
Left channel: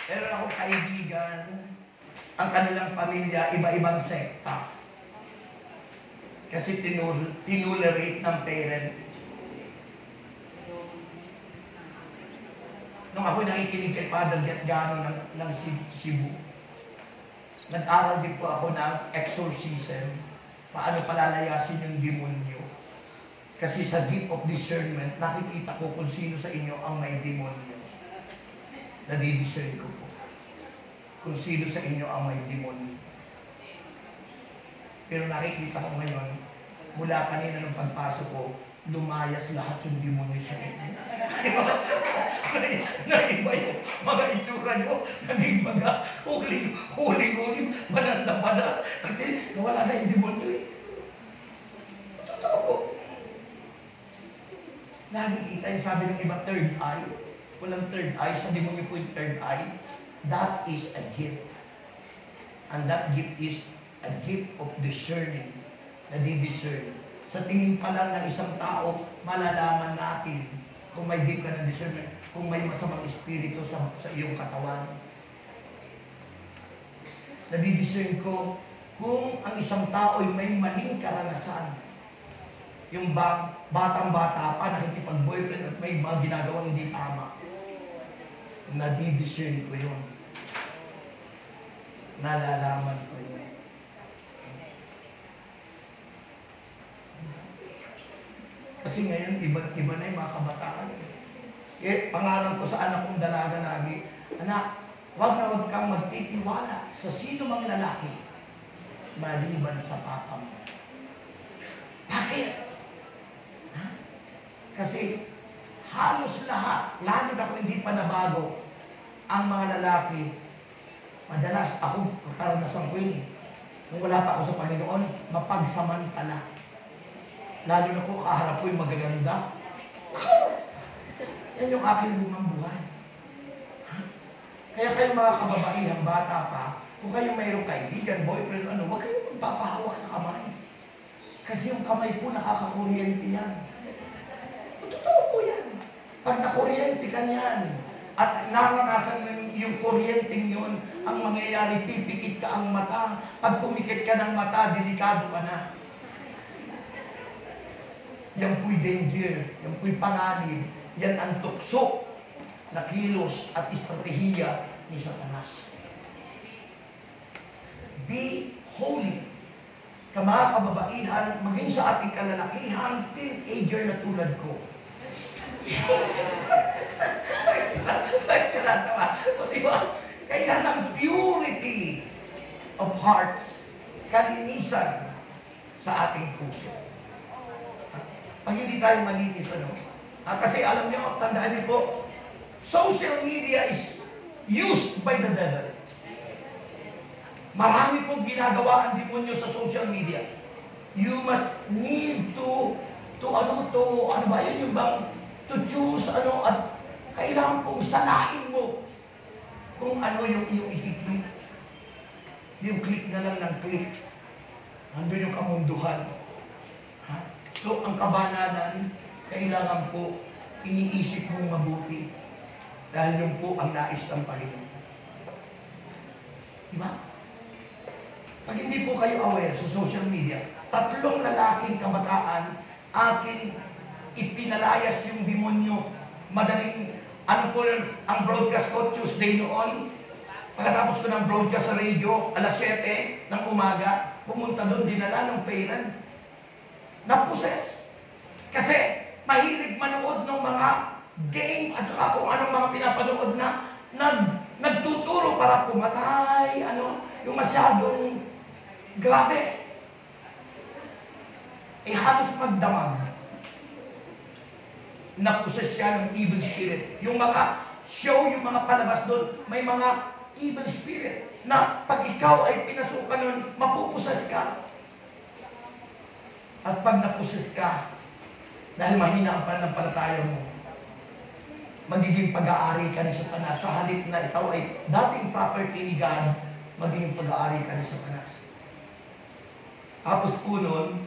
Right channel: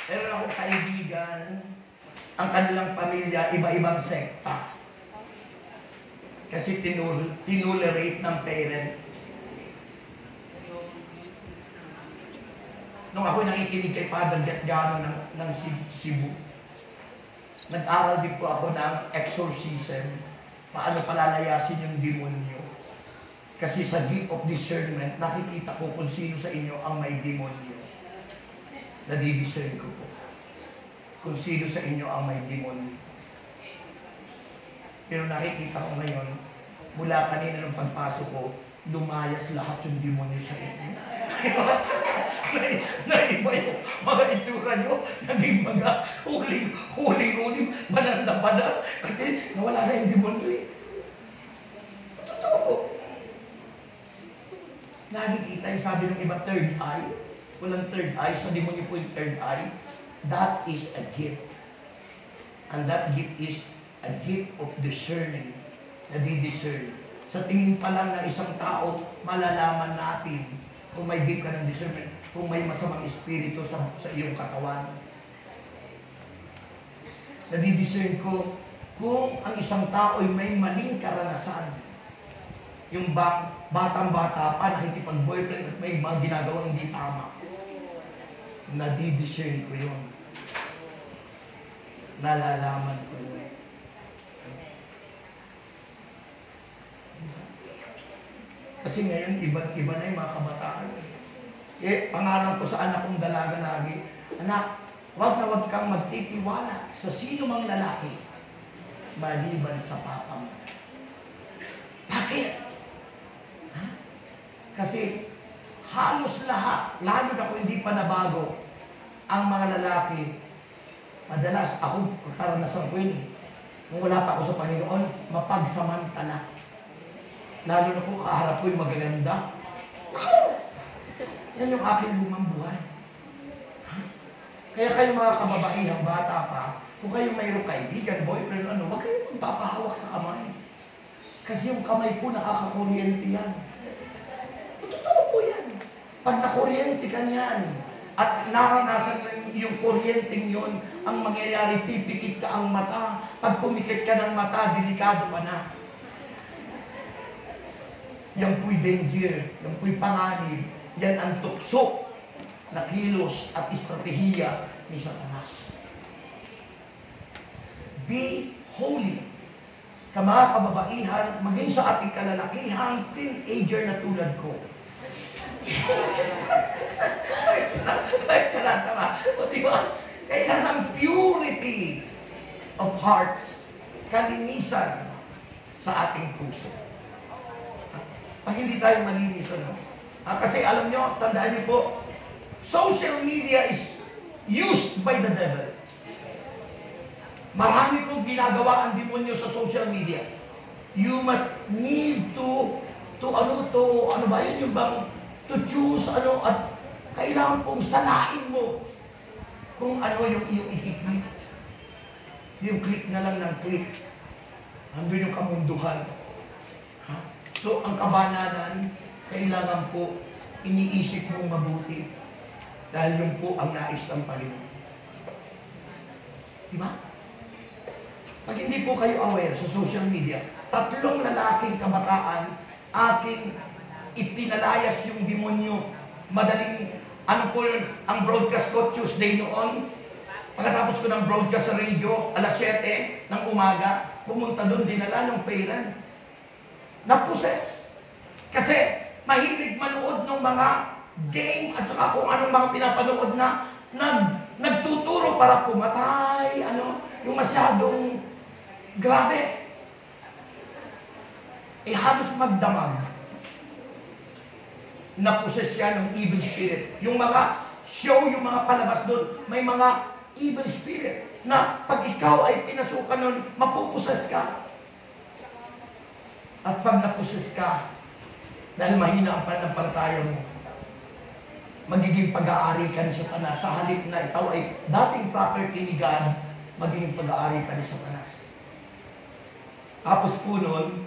Meron akong kaibigan, ang kanilang pamilya, iba-ibang sekta. Kasi tinulerate ng parent. Nung ako nakikinig kay Father Gatgano ng Cebu, nag-aral din po ako ng exorcism, paano palalayasin yung demonyo. Kasi sa gift of discernment, nakikita ko kung sino sa inyo ang may demonyo. Nadidiscern ko po kung sino sa inyo ang may demonyo. Pero nakikita ko ngayon, mula kanina ng pagpasok ko, lumayas lahat yung demonyo sa inyo. Naiba yung mga itsura nyo, naging mga huling, banal. Kasi nawala na yung demonyo eh. Totoo po. Nakikita yung sabi ng iba, third eye. Walang third eye, sa demonyo po yung third eye. That is a gift. And that gift is a gift of discerning. Nadi-discern. Sa tingin pa lang ng isang tao, malalaman natin kung may gift ka ng discernment, kung may masamang espiritu sa iyong katawan. Nadidiscern ko kung ang isang tao ay may maling karanasan. Yung batang-bata pa, nakikipag-boyfriend at may mga ginagawang hindi tama. Nadidiscern ko yun. Nalalaman ko yun. Kasi ngayon, iba na yung mga kabataan. Pangalan ko sa anak kong dalaga lagi, anak, wag na wag kang magtitiwala sa sino mang lalaki maliban sa papa mo. Bakit? Ha? Kasi halos lahat, lalo na kung hindi pa nabago, ang mga lalaki, madalas ako, karanasan ko yun. Nung wala pa ako sa Panginoon, mapagsamantala. Lalo na kung kaharap ko yung magaganda. Yan yung aking lumang buhay. Kaya kayo mga kababaihang bata pa, kung kayo mayroong kaibigan, boyfriend, huwag kayo magpapahawak sa kamay. Kasi yung kamay po nakakakuryente yan. Totoo po yan. Pag nakuryente ka niyan, at naranasan mo yung kuryenteng yun, ang mangyayari, pipikit ka ang mata. Pag pumikit ka ng mata, delikado ka na. Yan po'y danger, yan po'y panganib, yan ang tukso na kilos at estratehiya ni Satanas. Be holy. Sa mga kababaihan, maging sa ating kalalakihang teenager na tulad ko. Bakit ka natawa? O diba? Kailangan purity of hearts, kalinisan sa ating puso. Pag hindi tayo malinis, kasi alam nyo, tandaan niyo po, social media is used by the devil. Marami pong ginagawa ang demonyo sa social media. You must need to choose, at kailangan pong sanain mo kung ano yung iyong i-click. Yung click na lang ng click. Andun yung kamunduhan. So, ang kabananan, kailangan po iniisip mong mabuti dahil yun po ang nais ng Panginoon. Diba? Pag hindi po kayo aware sa social media, 3 lalaking kabataan, akin ipinalayas yung demonyo. Madaling, ang broadcast ko Tuesday noon, pagkatapos ko ng broadcast sa radio, alas 7 ng umaga, pumunta doon, dinala ng parent. Naposes. Kasi mahilig manood ng mga game at saka kung anong mga pinapanood na nagtuturo para pumatay, yung masyadong grabe. Halos magdamag. Naposes siya ng evil spirit. Yung mga show, yung mga palabas doon, may mga evil spirit na pag ikaw ay pinasukan nun, mapuposes ka. At pag naposes ka, dahil mahina ang pananampalataya mo, magiging pag-aari ka ni Satanas. Sa halip na ikaw ay dating property ni God, magiging pag-aari ka ni Satanas. Tapos po nun,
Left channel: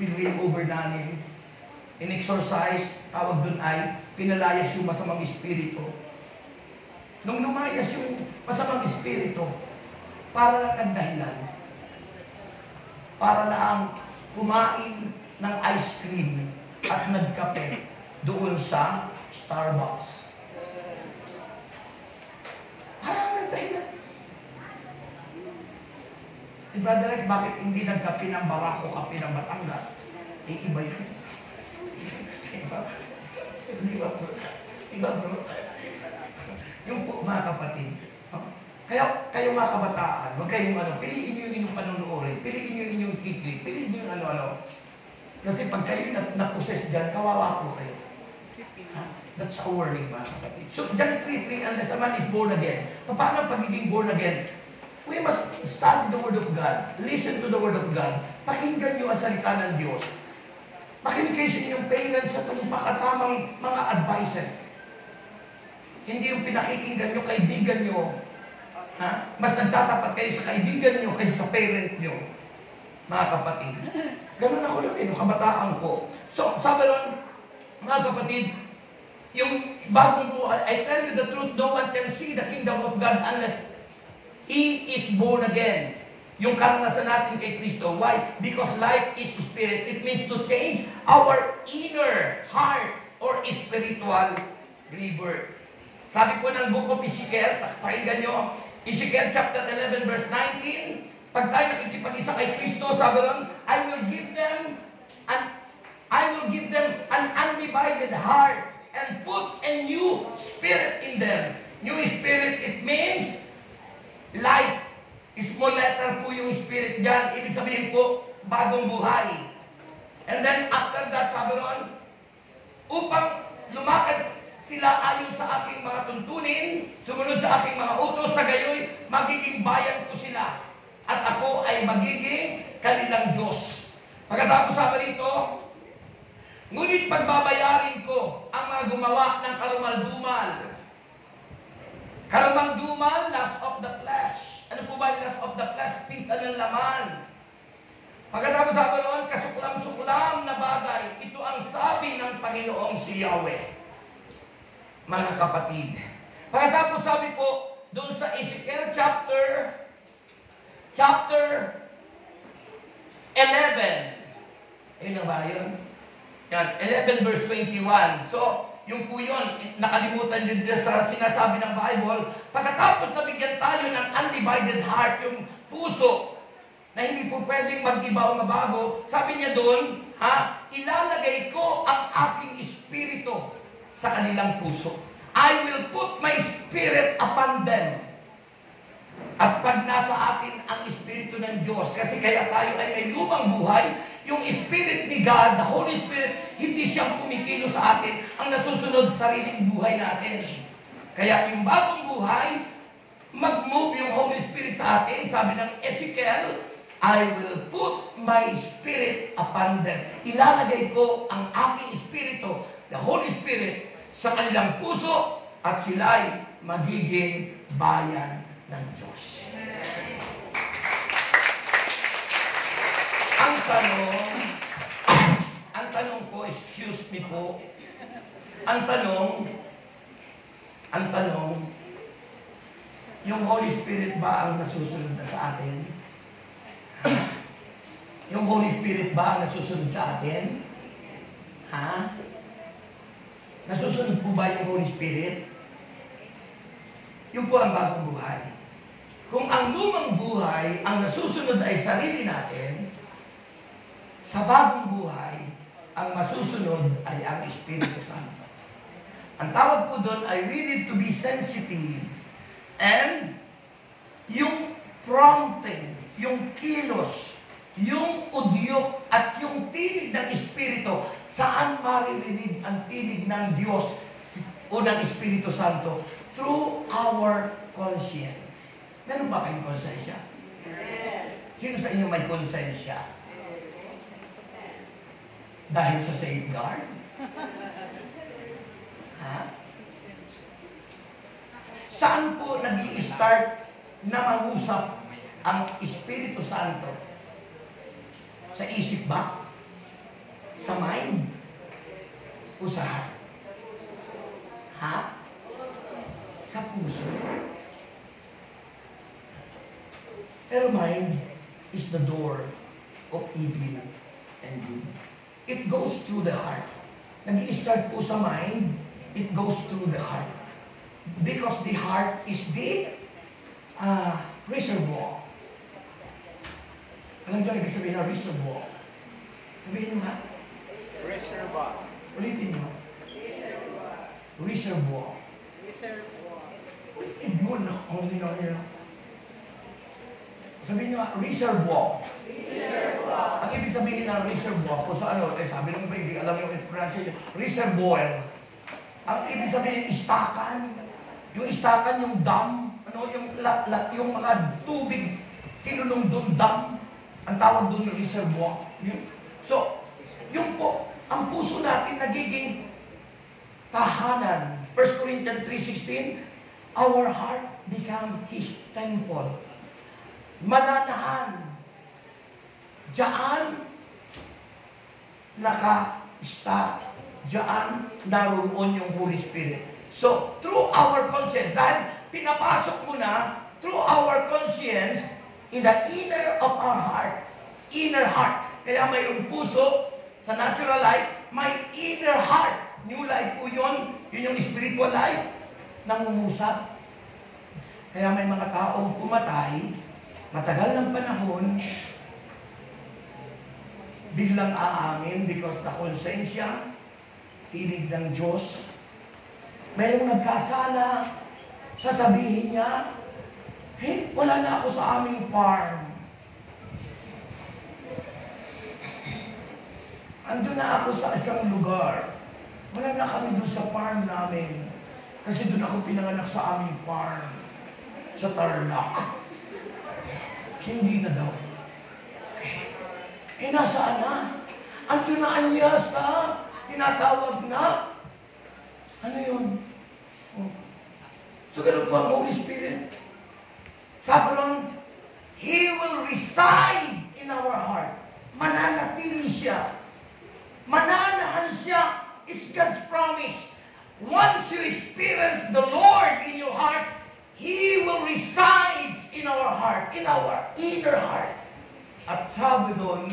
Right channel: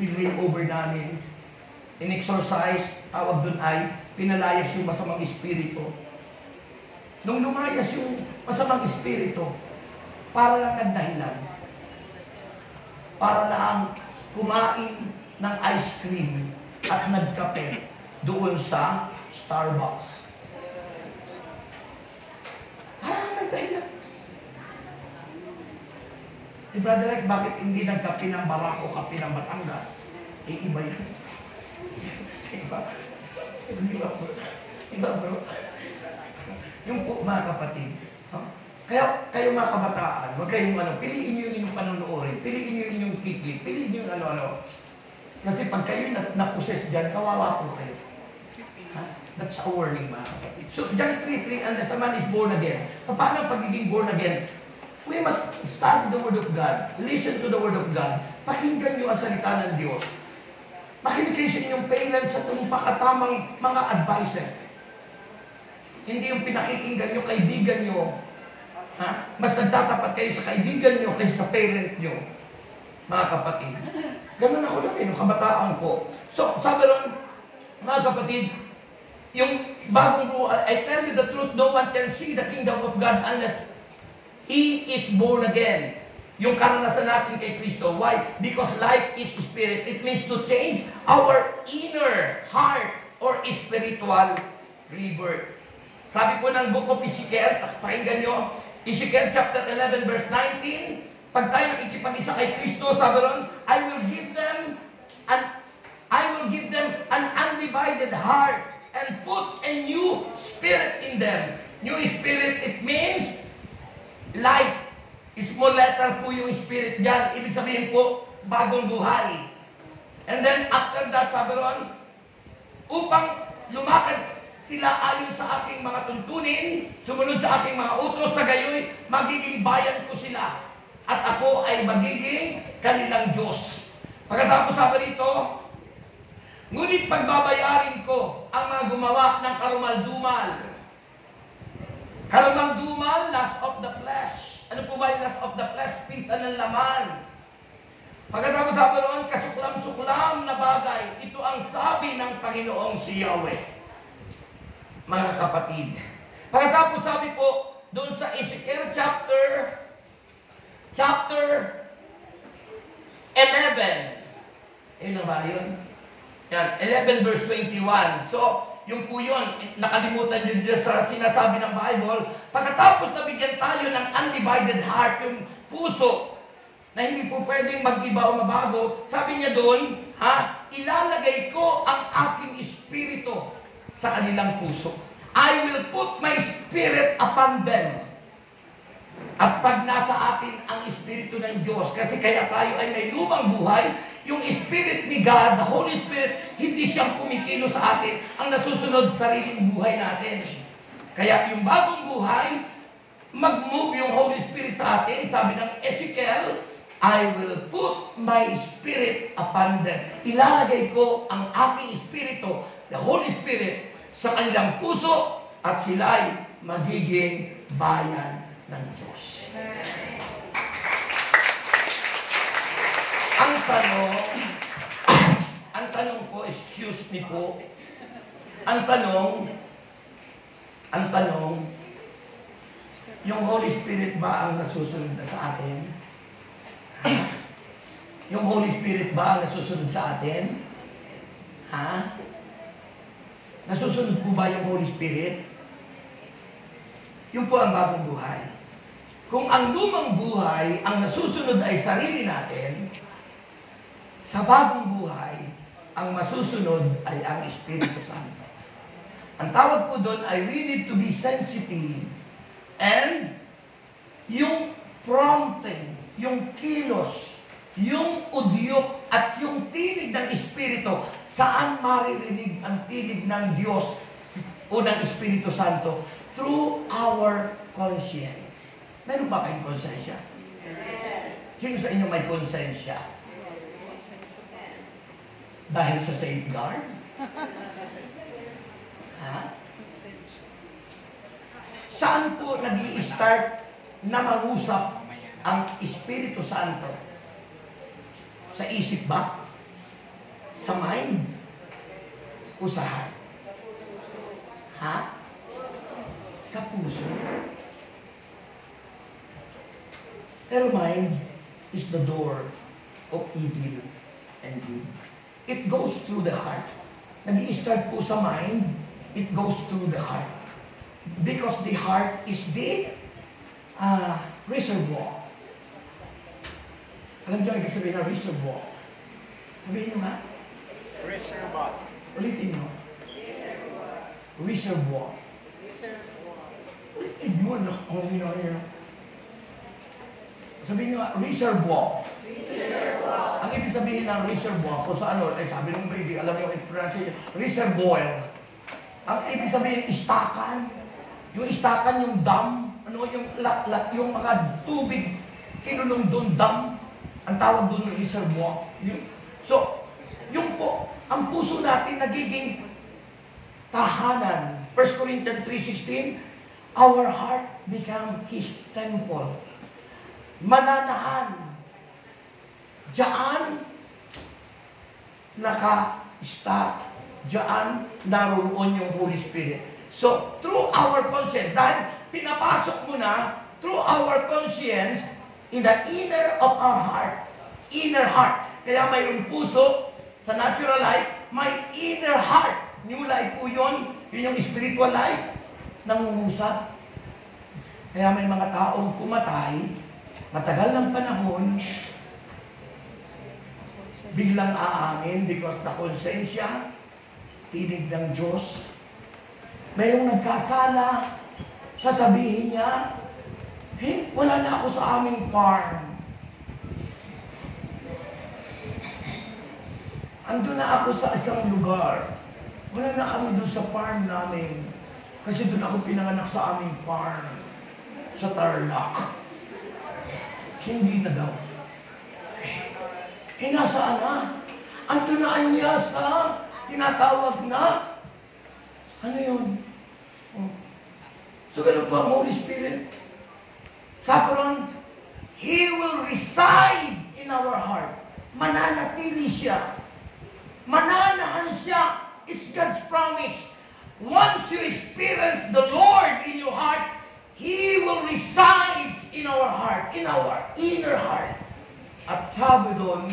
pinwin over namin, in-exorcise, tawag dun ay, pinalayas yung masamang espiritu. Nung lumayas yung masamang espiritu, para lang ang dahilan, para lang kumain ng ice cream at nagkape doon sa Starbucks. Nagdahilan. Brother Rex, bakit hindi nagkape ng Barako, kape ng Batangas? Iba yun. Iba bro. Yung po mga kapatid, kaya kayo mga kabataan, huwag kayong piliin nyo yung panunuorin, piliin nyo yung kiklik, piliin nyo yung ano-ano. Kasi pag kayo naposes dyan, kawawa po kayo. That's a warning mga kapatid. So, John 3:3, unless a man is born again. Paano pagiging born again? We must study the Word of God, listen to the Word of God, pakinggan nyo ang salita ng Diyos. Makinig kayo sa inyong parents sa pakatamang mga advices. Hindi yung pinakikinggan nyo, kaibigan nyo. Mas nagtatapat kayo sa kaibigan nyo kaysa sa parent nyo. mga kapatid. Ganun ako lang nung kabataan ko. So, sabi ron, mga kapatid, yung bagong buhay, I tell you the truth, no one can see the kingdom of God unless He is born again. Yung karanasan natin kay Kristo. Why? Because life is spirit. It means to change our inner heart or spiritual rebirth. Sabi po ng book of Ezekiel, pakinggan nyo, Ezekiel chapter 11 verse 19, pag tayo nakikipag-isa kay Kristo, sabi ron, I will give them an undivided heart and put a new spirit in them. New spirit, it means life. Small letter po yung spirit dyan. Ibig sabihin po, bagong buhay. And then after that, sabi ron, upang lumakad sila ayon sa aking mga tuntunin, sumunod sa aking mga utos, sa gayoy, magiging bayan ko sila. At ako ay magiging kanilang Diyos. Pagkatapos sabi rito, ngunit pagbabayarin ko ang mga gumawa ng karumal-dumal. Karumal-dumal, lust of the flesh. Ano po ba yung lust of the flesh? Pita ng laman. Pagkatapos sabi roon, kasuklam-suklam na bagay. Ito ang sabi ng Panginoong si Yahweh. Mga kapatid. Pagkatapos sabi po, doon sa Ezekiel chapter 11. Ayun na ba yun? Yan, 11 verse 21. So, yung po yun, nakalimutan yun dyan sa sinasabi ng Bible. Pagkatapos nabigyan tayo ng undivided heart, yung puso, na hindi po pwedeng mag-iba o mabago, sabi niya doon, ilalagay ko ang aking espiritu sa kanilang puso. I will put my spirit upon them. At pag nasa atin ang Espiritu ng Diyos, kasi kaya tayo ay may lumang buhay, yung Spirit ni God, the Holy Spirit, hindi siyang kumikilo sa atin, ang nasusunod sariling buhay natin. Kaya yung bagong buhay, mag-move yung Holy Spirit sa atin. Sabi ng Ezekiel, I will put my Spirit upon them. Ilalagay ko ang aking Espiritu, the Holy Spirit, sa kanilang puso at sila'y magiging bayan ng Diyos. Ang tanong ko, excuse me po, ang tanong, yung Holy Spirit ba ang nasusunod na sa atin? Yung Holy Spirit ba ang nasusunod sa atin? Nasusunod po ba yung Holy Spirit? Yun po ang bagong buhay. Kung ang lumang buhay, ang nasusunod ay sarili natin, sa bagong buhay, ang masusunod ay ang Espiritu Santo. Ang tawag po doon ay we need to be sensitive and yung prompting, yung kilos, yung udyok at yung tinig ng Espiritu, saan maririnig ang tinig ng Diyos o ng Espiritu Santo? Through our conscience. Meron ba kayong konsensya? Sino sa inyo may konsensya? Dahil sa safeguard? Saan po nag-i-start na mangusap ang Espiritu Santo? Sa isip ba? Sa mind? O sa heart? Sa puso? Pero mind is the door of evil and good. It goes through the heart. Nag-i-start po sa mind, it goes through the heart. Because the heart is the reservoir. Alam niyo, ibig sabihin na reservoir. Sabihin niyo nga. Reservoir. Ulitin mo. Reservoir. Ulitin mo. Sabihin niyo nga, reservoir. Ang ibig sabihin ng reservoir, kung sa ano, sabi ng baby, alam niyo yung pronunciation, reservoir. Ang ibig sabihin, istakan. Yung istakan, yung dam, yung mga tubig, kinulong doon, dam. Ang tawag doon ng reservoir. So, yung po, ang puso natin nagiging tahanan. 1 Corinthians 3:16, our heart become His temple. Mananahan. Diyan naka-start. Diyan naroon yung Holy Spirit. So, through our conscience, dahil pinapasok mo na, through our conscience, in the inner of our heart, inner heart. Kaya mayroong puso sa natural life, may inner heart. New life po yun. Yun yung spiritual life. Nangungusap. Kaya may mga taong pumatay, matagal ng panahon, biglang aamin because the konsensya, tinig ng Diyos. Mayroong nagkasala, sasabihin niya, hey, wala na ako sa aming farm. Andun na ako sa isang lugar. Wala na kami doon sa farm namin. Kasi doon ako pinanganak sa aming farm. Sa Tarlac. Hindi na daw. Eh, nasaan na? Andun na niya sa tinatawag na. Ano yun? Oh. So, ganun po ang Holy Spirit. Sabi lang, He will reside in our heart. Mananatili siya. Mananahan siya. It's God's promise. Once you experience the Lord in your heart, He will reside in our heart, in our inner heart. At sabi doon,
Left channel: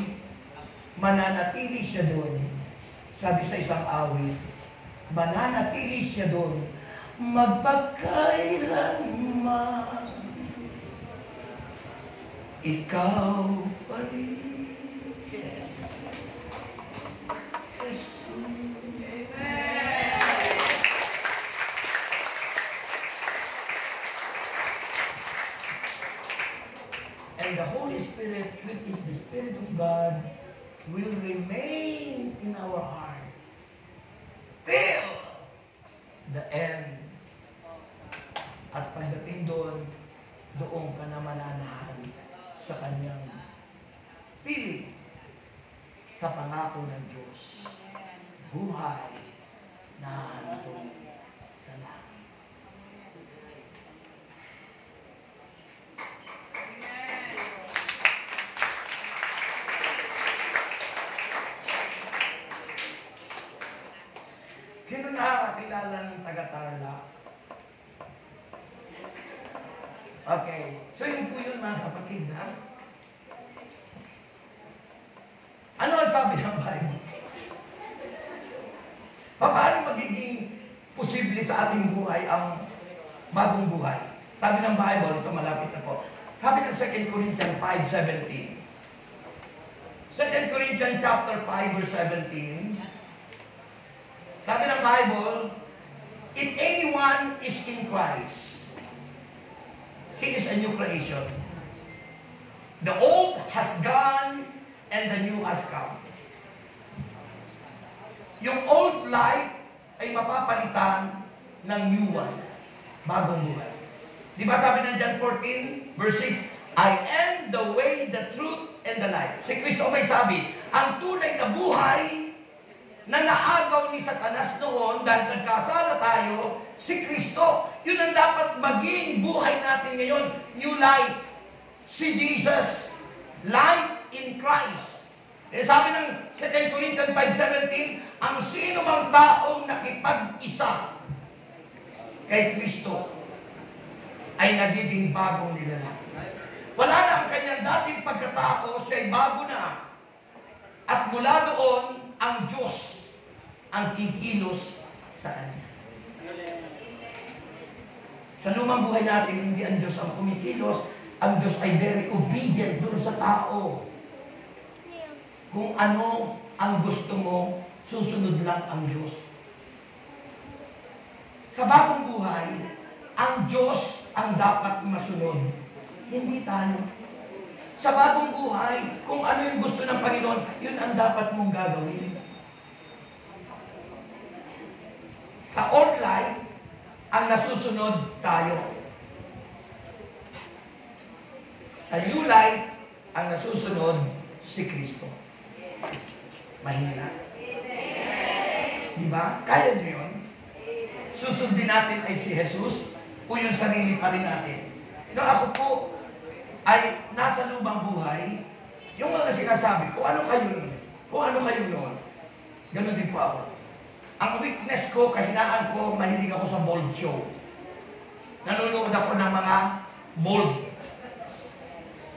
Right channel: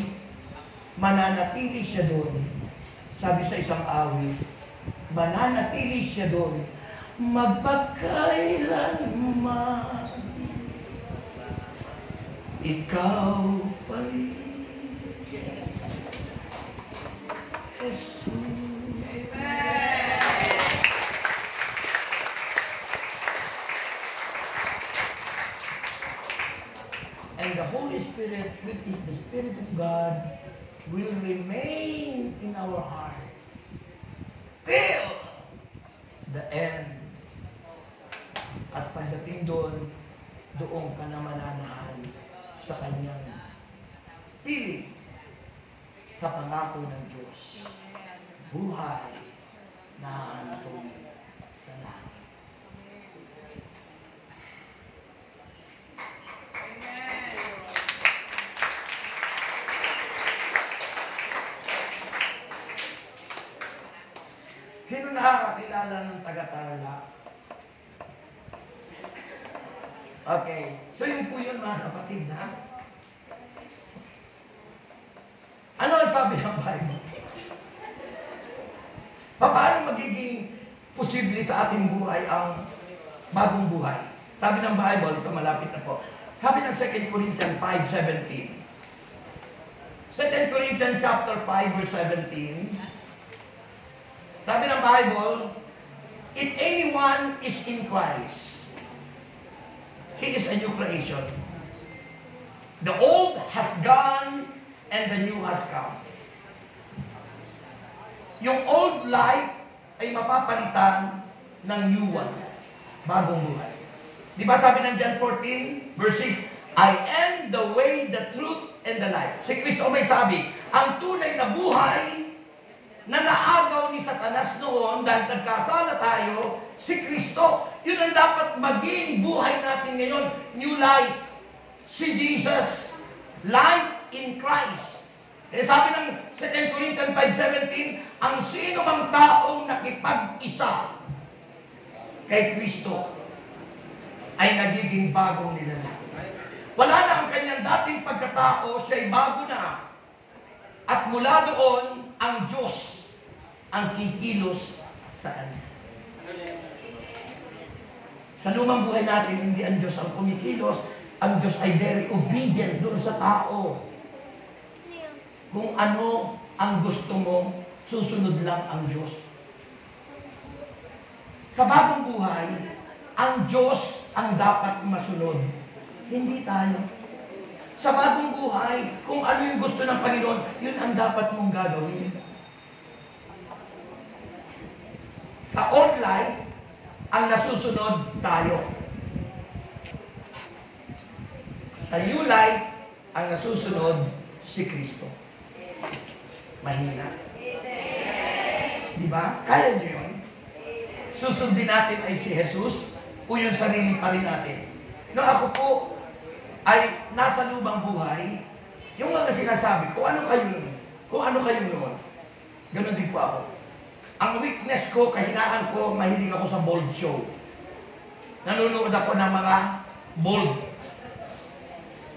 mananatili siya doon. Sabi sa isang awit, mananatili siya doon, magpakailanman. Ikaw pa rin, Jesus. And the Holy Spirit, which is the Spirit of God, will remain in our heart till the end. At pagdating doon, doon ka na mananahan sa kanyang piling sa pangako ng Diyos. Buhay na hantong sa langit. Sino nakakakilala ng taga-Tarlac? Okay. So yun po yun mga kapatid, ha? Ano ang sabi ng Bible? Paano magiging posible sa ating buhay ang bagong buhay? Sabi ng Bible, ito malapit na po. Sabi ng 2 Corinthians 5:17. 2 Corinthians chapter 5 verse 17. Sabi ng Bible, if anyone is in Christ, he is a new creation. The old has gone and the new has come. Yung old life ay mapapalitan ng new one, bagong buhay. Di ba sabi ng John 14, verse 6, I am the way, the truth, and the life. Si Kristo may sabi, ang tunay na buhay na naagaw ni Satanas noon dahil nagkasala tayo, si Kristo. Yun ang dapat maging buhay natin ngayon. New life. Si Jesus. Life in Christ. Eh sabi ng 2 Corinthians 5:17, ang sino mang taong nakipag-isa kay Kristo ay nagiging bagong nilalang. Wala na ang kanyang dating pagkatao, siya'y bago na. At mula doon, ang Diyos ang kikilos sa kanya. Sa lumang buhay natin, hindi ang Diyos ang kumikilos. Ang Diyos ay very obedient doon sa tao. Kung ano ang gusto mo, susunod lang ang Diyos. Sa bagong buhay, ang Diyos ang dapat masunod. Hindi tayo. Sa bagong buhay, kung ano yung gusto ng Panginoon, yun ang dapat mong gagawin. Sa old life, ang nasusunod tayo. Sa new life, ang nasusunod si Kristo. Mahina. Di ba? Kaya nyo yun? Susundin natin ay si Jesus o yung sarili pa rin natin. Nung ako po ay nasa lubang buhay, Yung mga sinasabi, kung ano kayo noon, ganun din po ako. Ang weakness ko, kahinaan ko, mahilig ako sa bold show. Nanonood ako ng mga bold.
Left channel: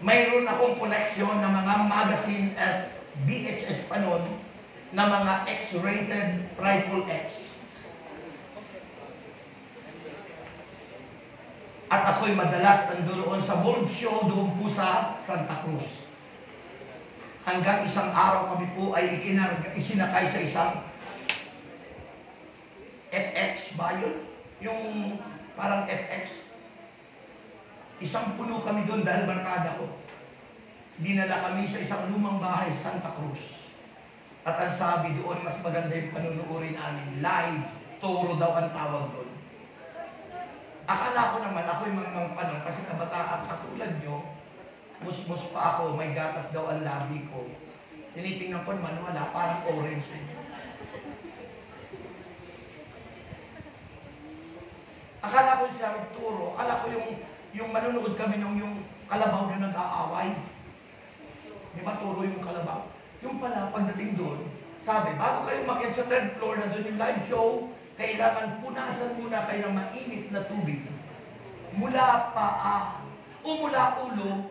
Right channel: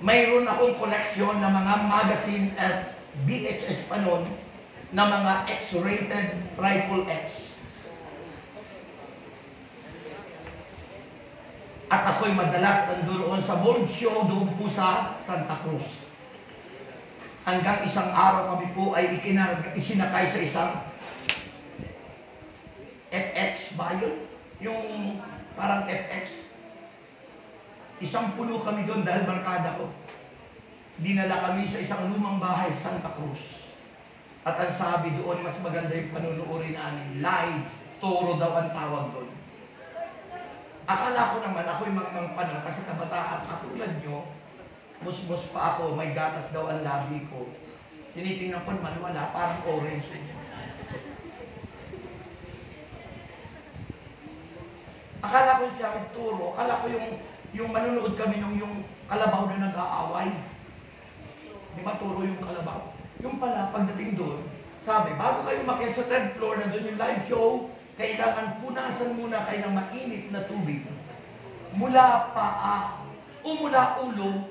Mayroon akong koleksyon ng mga magazine at VHS pa noon na mga X-rated triple X. At ako'y madalas nandoon sa bold show doon po sa Santa Cruz. Hanggang isang araw kami po ay isinakay sa isang FX ba yun? Yung parang FX. Isang puno kami doon dahil barkada ko. Dinala kami sa isang lumang bahay, Santa Cruz. At ang sabi doon, mas maganda yung panunuorin namin. Live, toro daw ang tawag doon. Akala ko naman, ako'y mga panong, kasi kabataan katulad nyo, musmus pa ako, may gatas daw ang labi ko. Tinitingnan ko naman, wala, parang orange. Akala ko siya magturo, akala ko yung manunood kami nung yung kalabaw na nag-aaway. Di ba turo yung kalabaw? Yung pala, pagdating doon, sabi, bago kayo makiat sa third floor na doon yung live show, kailangan punasan muna kayo ng mainit na tubig. Mula paa, o mula ulo,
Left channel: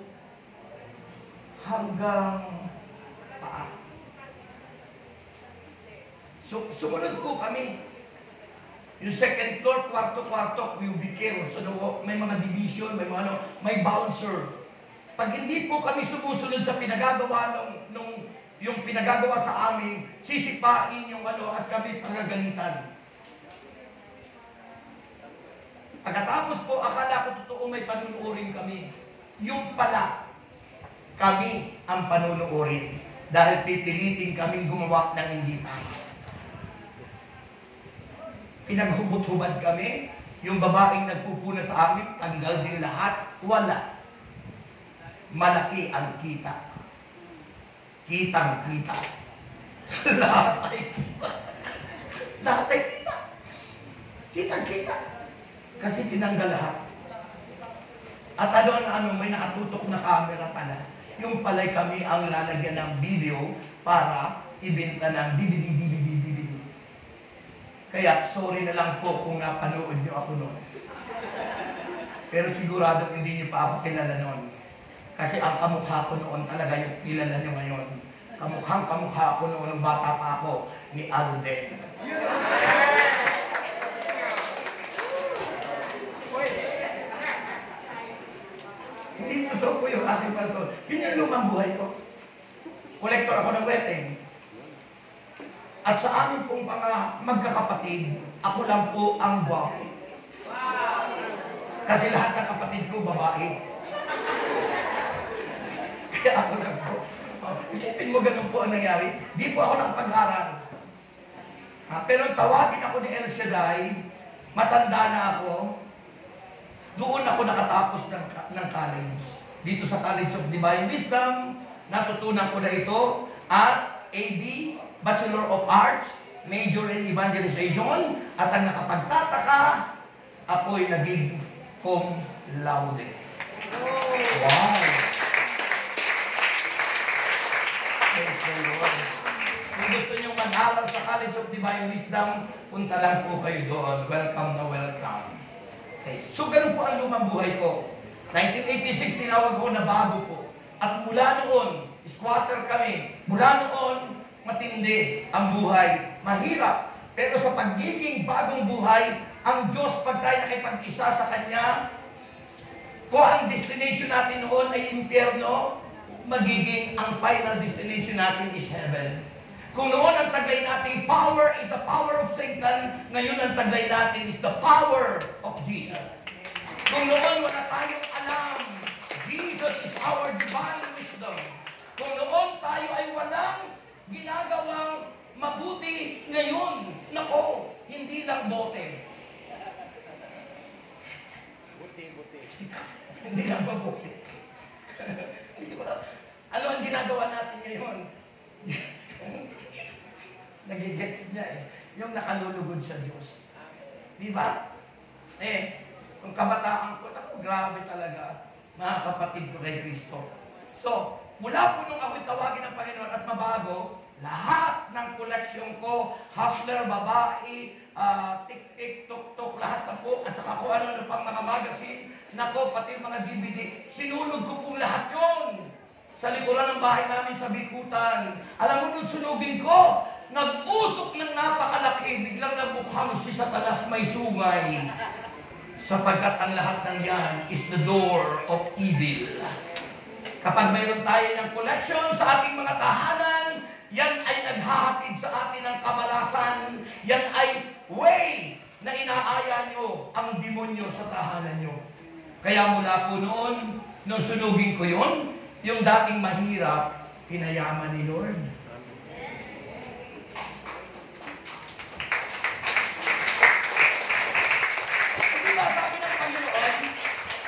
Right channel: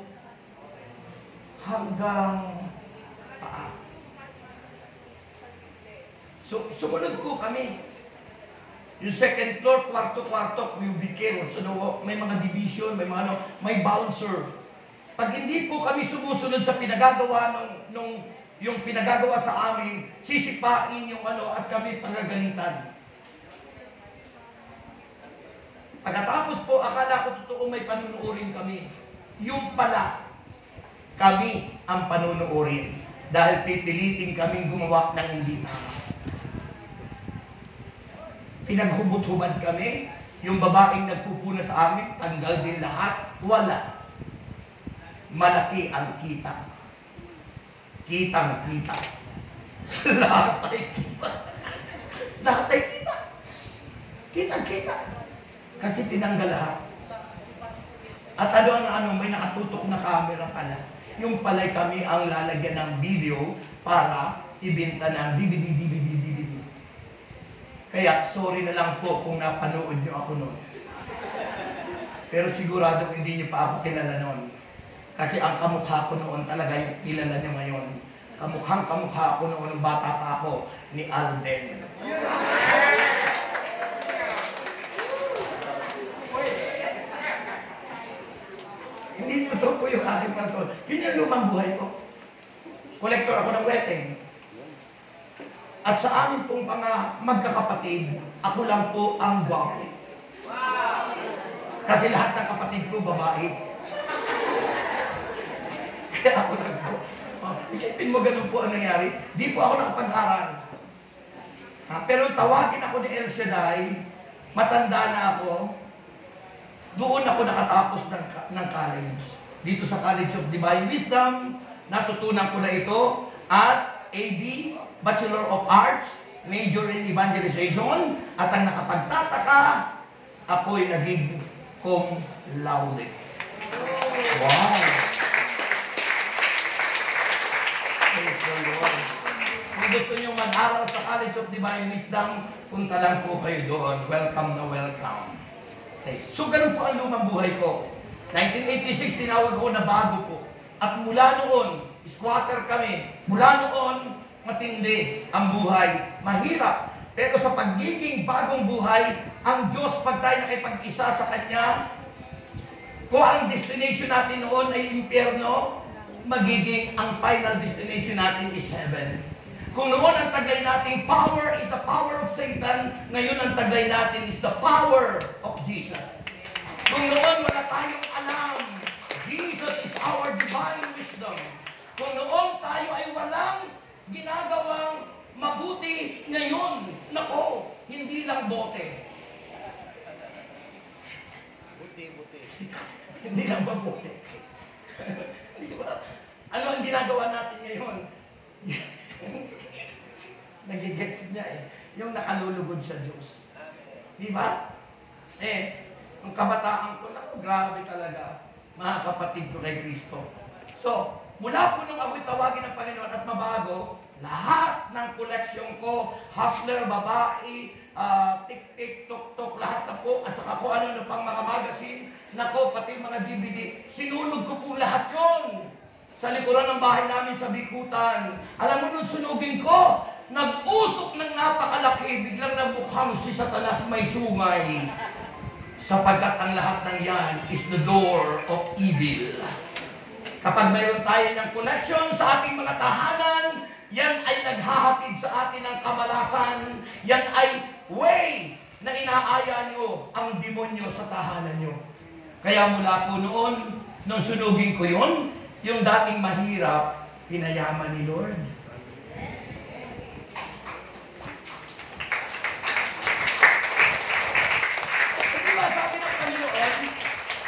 hanggang paa. So, sumunod po kami. Yung second floor, kwarto-kwarto, cubicle. So, may mga division, may bouncer. Pag hindi po kami sumusunod sa pinagagawa yung pinagagawa sa amin, sisipain yung at kami pagagalitan. Pagkatapos po, akala ko totoo may panunuorin kami. Yung pala, kami ang panunuorin. Dahil pipilitin kaming gumawa ng hindi tama. Pinaghubot-hubad kami, yung babaeng nagpupuna sa amin, tanggal din lahat, wala. Malaki ang kita. Kitang-kita. Lahat ay kita. Lahat ay kita. Kitang-kita. Kasi tinanggal lahat. At may nakatutok na camera pala. Yung pala'y kami ang lalagyan ng video para ibenta ng DVD. Kaya, sorry na lang po kung napanood nyo ako noon. Pero sigurado hindi nyo pa ako kilala noon. Kasi ang kamukha ko noon talaga yung kilala nyo ngayon. Kamukhang-kamukha ko noon nung bata pa ako ni Alden. Hindi mo to po yung aking pastor. Yun yung lumang buhay ko. Kolektor ako ng wedding. At sa amin pong mga magkakapatid, ako lang po ang gwapo. Kasi lahat ng kapatid ko, babae. Kaya ako lang po. Isipin mo ganun po ang nangyari. Di po ako nakapag-aral. Pero tawagin ako ni El Shaddai, matanda na ako, doon ako nakatapos ng college. Dito sa College of Divine Wisdom, natutunan ko na ito at AB, Bachelor of Arts, Major in Evangelization, at ang nakapagtataka, ako'y naging cum laude. Wow! Praise the Lord. Kung gusto nyo mag-aral sa College of Divine Wisdom, punta lang po kayo doon. Welcome na welcome. So, ganun po ang lumang buhay ko. 1986, tinawag ko na bago po. At mula noon, squatter kami. Mula noon, matindi ang buhay. Mahirap. Pero sa pagiging bagong buhay, ang Diyos, pag tayo nakipag-isa sa Kanya, kung ang destination natin noon ay impyerno, magiging ang final destination natin is heaven. Kung noon ang taglay natin, power is the power of Satan, ngayon ang taglay natin is the power of Jesus. Kung noon wala tayong alam, Jesus is our divine wisdom. Kung noon tayo ay walang ginagawang mabuti, ngayon, nako, hindi lang bote. Buti. Hindi lang mabuti. Di ba? Ano ang ginagawa natin ngayon? Nagigets niya yung nakalulugod sa Diyos. Di ba? Yung kabataan ko, grabe talaga, mga kapatid ko kay Kristo. So, mula po nung ako'y tawagin ng Panginoon at mabago, lahat ng koleksyon ko, hustler, babae, tik-tik, tuk-tuk, lahat na po, at saka kung ano na pang mga magazine, nako, pati mga DVD, sinulog ko po lahat yon sa likuran ng bahay namin sa Bikutan. Alam mo nung sunugin ko, nag-usok ng napakalaki, biglang namukhang si Satanas may sungay. Sapagkat ang lahat ng yan is the door of evil. Kapag mayroon tayo ng collection sa ating mga tahanan, yan ay naghahatid sa atin ng kamalasan. Yan ay way na inaaya nyo ang demonyo sa tahanan nyo. Kaya mula po noon, nung sunugin ko yun, yung dating mahirap, hinayaman ni Lord. Diba sabi ng Panginoon,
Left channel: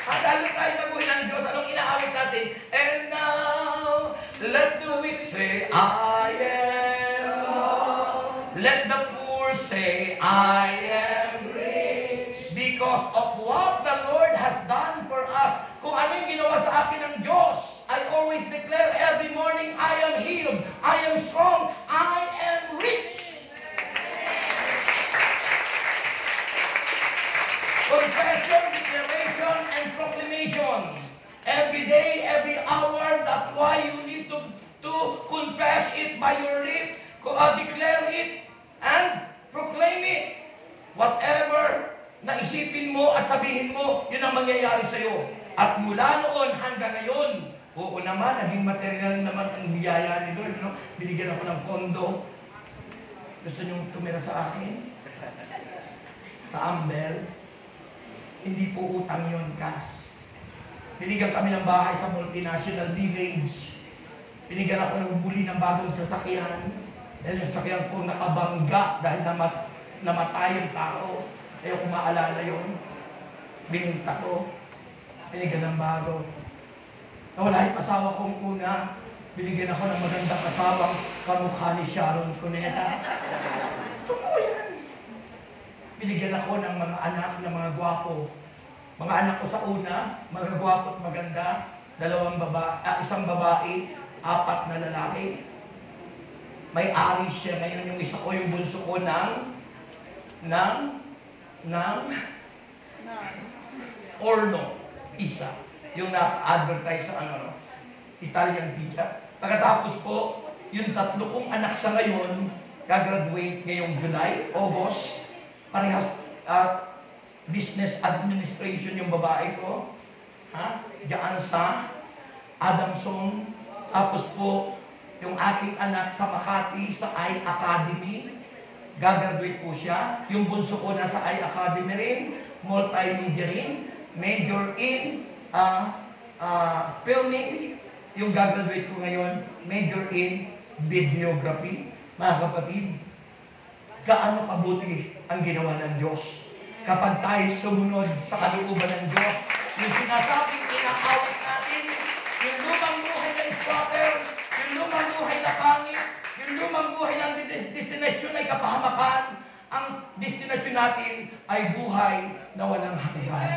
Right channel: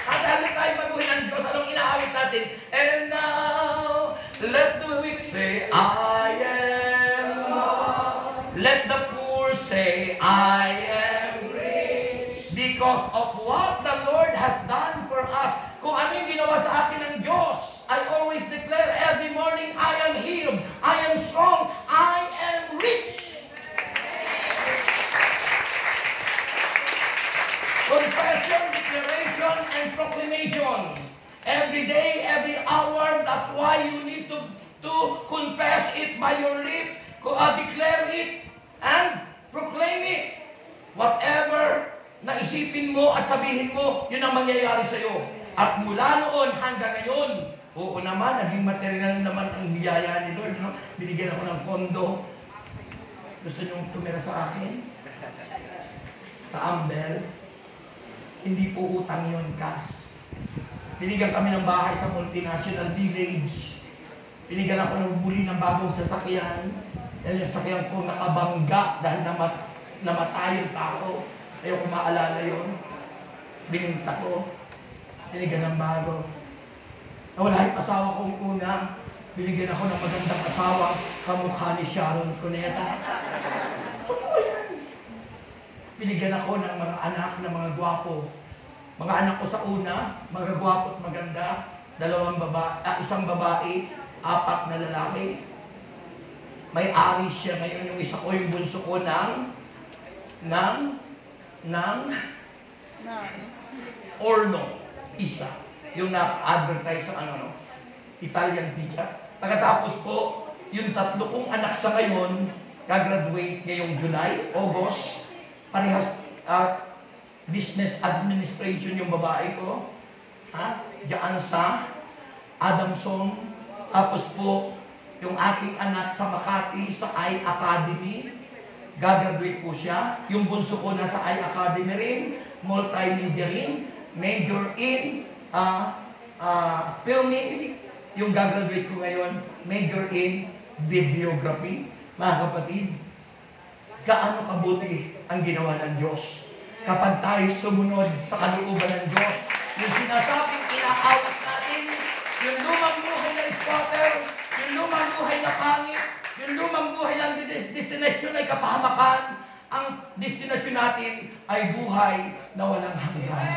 madali tayo baguhin ng Diyos. Anong inaawit natin? And now, let the weak say, I am. Let the poor say, I am rich. Because of what the Lord has done for us. Kung ano yung ginawa sa akin ng Diyos, I always declare every morning, I am healed, I am strong, I am rich. Confession, declaration, and proclamation. Every day, every hour, that's why you need to confess it by your lips, declare it, and proclaim it. Whatever na isipin mo at sabihin mo, yun ang mangyayari sa'yo. At mula noon hanggang ngayon, oo naman, naging material naman ang biyaya ni Lord. No? Binigyan ako ng kondo. Gusto niyong tumira sa akin? Sa Ambel. Hindi po utang yun, cash. Binigyan kami ng bahay sa multinational village. Binigyan ako ng buli ng bagong sasakyan. Dahil yung sasakyan ko nakabangga dahil namatay yung tao. Ayaw ko maalala yun. Bininta ko. Binigyan ng bago. Nawala yung asawa kong una. Binigyan ako ng magandang asawa. Kamukha ni Sharon Cuneta. Totoo yan. Binigyan ako ng mga anak na mga gwapo. Mga anak ko sa una, mga gwapo at maganda. Isang babae, 4 na lalaki. May-ari siya ngayon. Yung isa ko, yung bunso ko ng Orno. Isa. Yung na-advertise sa Italian pizza. Pagkatapos po, yung 3 kong anak sa ngayon, gagraduate ngayong July, August. Parehas business administration yung babae ko. Diyan sa Adamson. Tapos po, yung aking anak sa Makati, sa I Academy. Gagraduate po siya. Yung bunso ko nasa I Academy rin. Multimedia rin. Major in filming. Yung gagraduate ko ngayon, major in videography. Mga kapatid, gaano kabuti ang ginawa ng Diyos. Kapag tayo sumunod sa kalooban ng Diyos, yung sinasabing inaawit natin, yung lumang buhay na squatter, yung lumang buhay na pangit, yung lumang buhay ng destinasyon ay kapahamakan, ang destinasyon natin ay buhay na walang hanggan.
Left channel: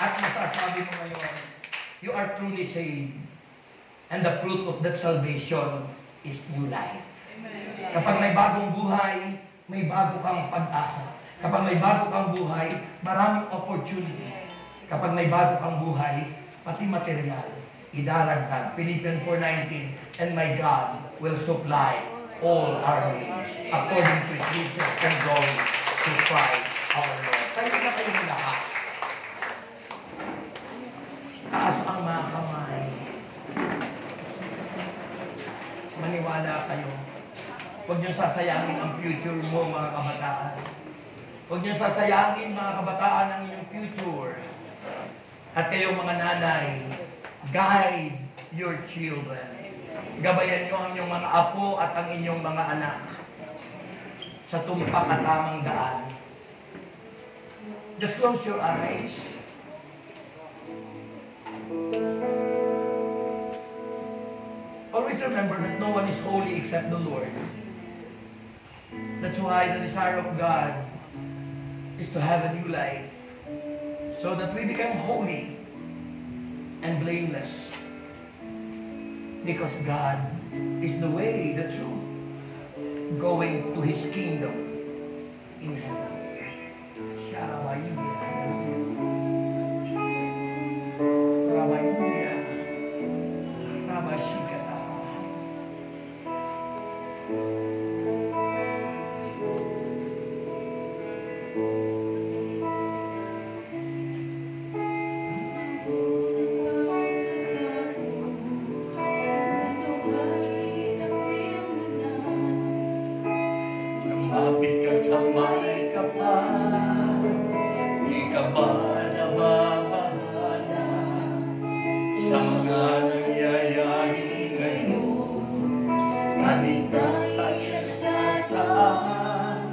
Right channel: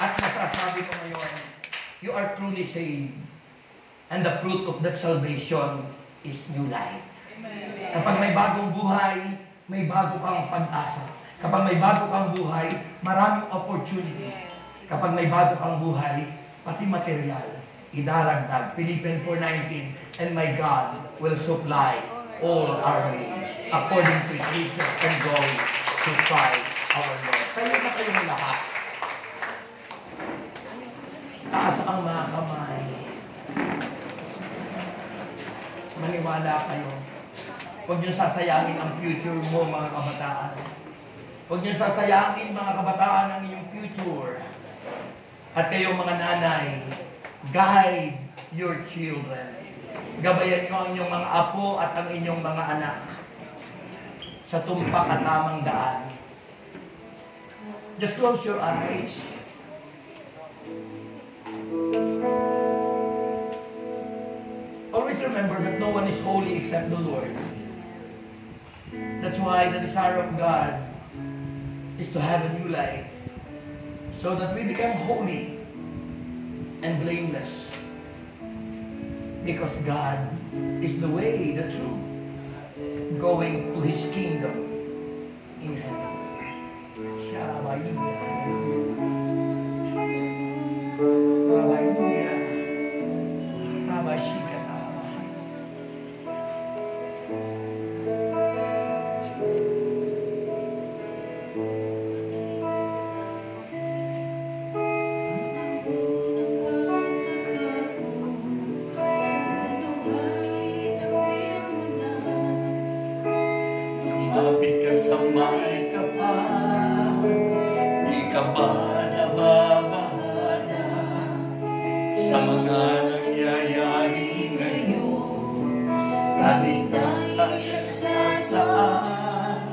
At masasabi ko ngayon, you are truly saved. And the fruit of that salvation is new life. Kapag may bagong buhay, may bago kang pag-asa. Kapag may bago kang buhay, maraming opportunity. Kapag may bago kang buhay, pati material, idaragdag. Philippians 4:19, and my God will supply all our needs according to His riches and glory to Christ our Lord. Tayo na kayong lahat. Taas ang mga kamay. Maniwala kayo. Huwag niyo sasayangin ang future mo, mga kabataan. Huwag niyo sasayangin, mga kabataan, ang inyong future. At kayo, mga nanay, guide your children. Gabayan niyo ang inyong mga apo at ang inyong mga anak sa tumpak at tamang daan. Just close your eyes. Always remember that no one is holy except the Lord. That's why the desire of God is to have a new life so that we become holy and blameless. Because God is the way, the truth, going to His kingdom in heaven. Sharabayya. Rabayya. Rabashikata. Mabit ka sa may kapal, di ka ba nababahala sa mga nangyayari ngayon? Kaligtasan sa saan,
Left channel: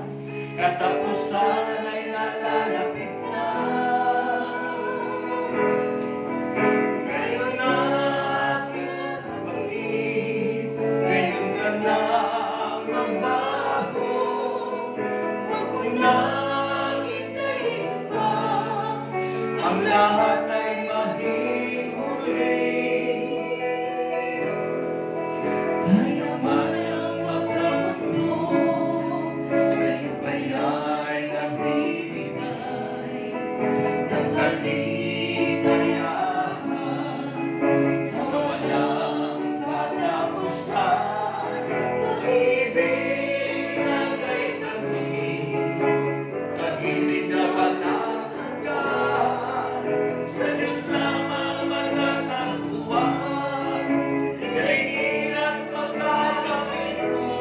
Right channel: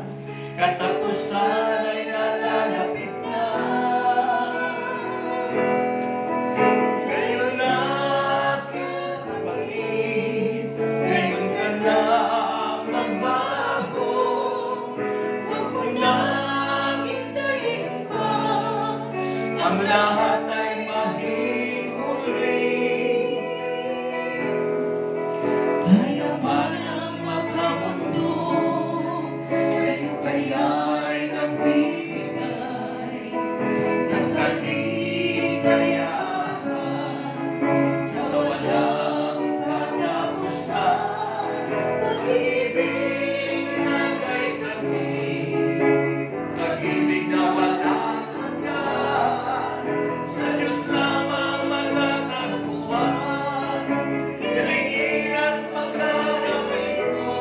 katapusan ay nalalapit na. Kayo na aking kapatid, ngayon ka na magbago. Huwag mo nang hintayin pa, ang lahat ay maging huli. Tayo man ang magkamundo, sa'yo kaya'y nagbibigay ng kaligayahan na walang katapusan. Pag-ibig na kay tamis, pag-ibig na walang hanggan, sa Diyos lamang matatagpuan. Hilingin at pagkakamit mo,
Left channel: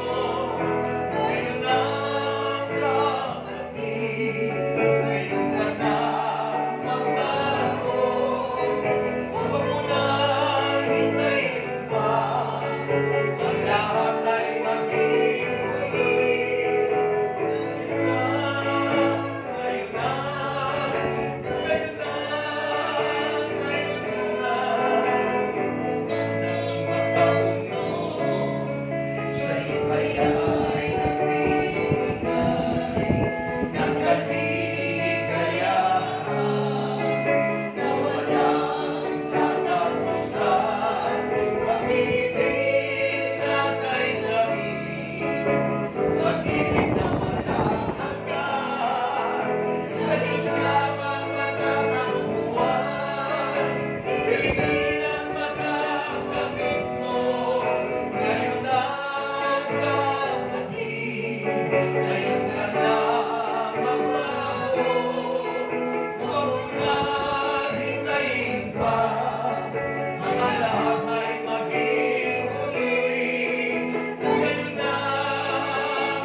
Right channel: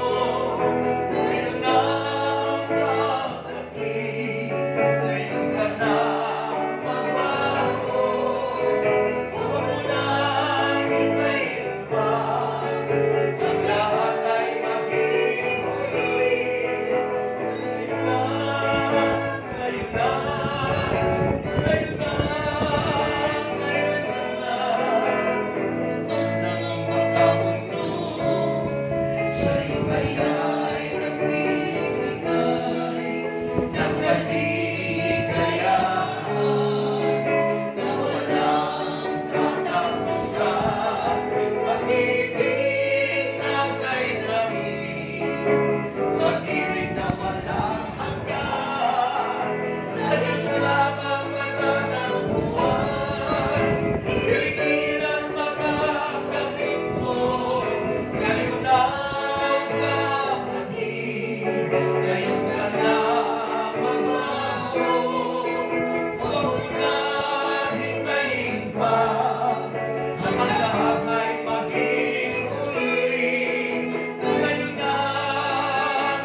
ngayon na kapatid, ngayon ka na magbago. Huwag mo na hintayin pa, ang lahat ay maging huli. Ngayon na, ngayon na, ngayon na, ngayon na. Ang magkamundo, sa'yo kaya'y nagbibigay ng kaligayahan na walang katapusan. Pag-ibig na kay tamis, pag-ibig na walang hanggan, sa Diyos lamang matatagpuan. Hilingin at pagkakamit mo, ngayon na kapatid, ngayon ka na magbago. Huwag mo na hintayin pa, ang lahat ay maging huli. Ngayon na,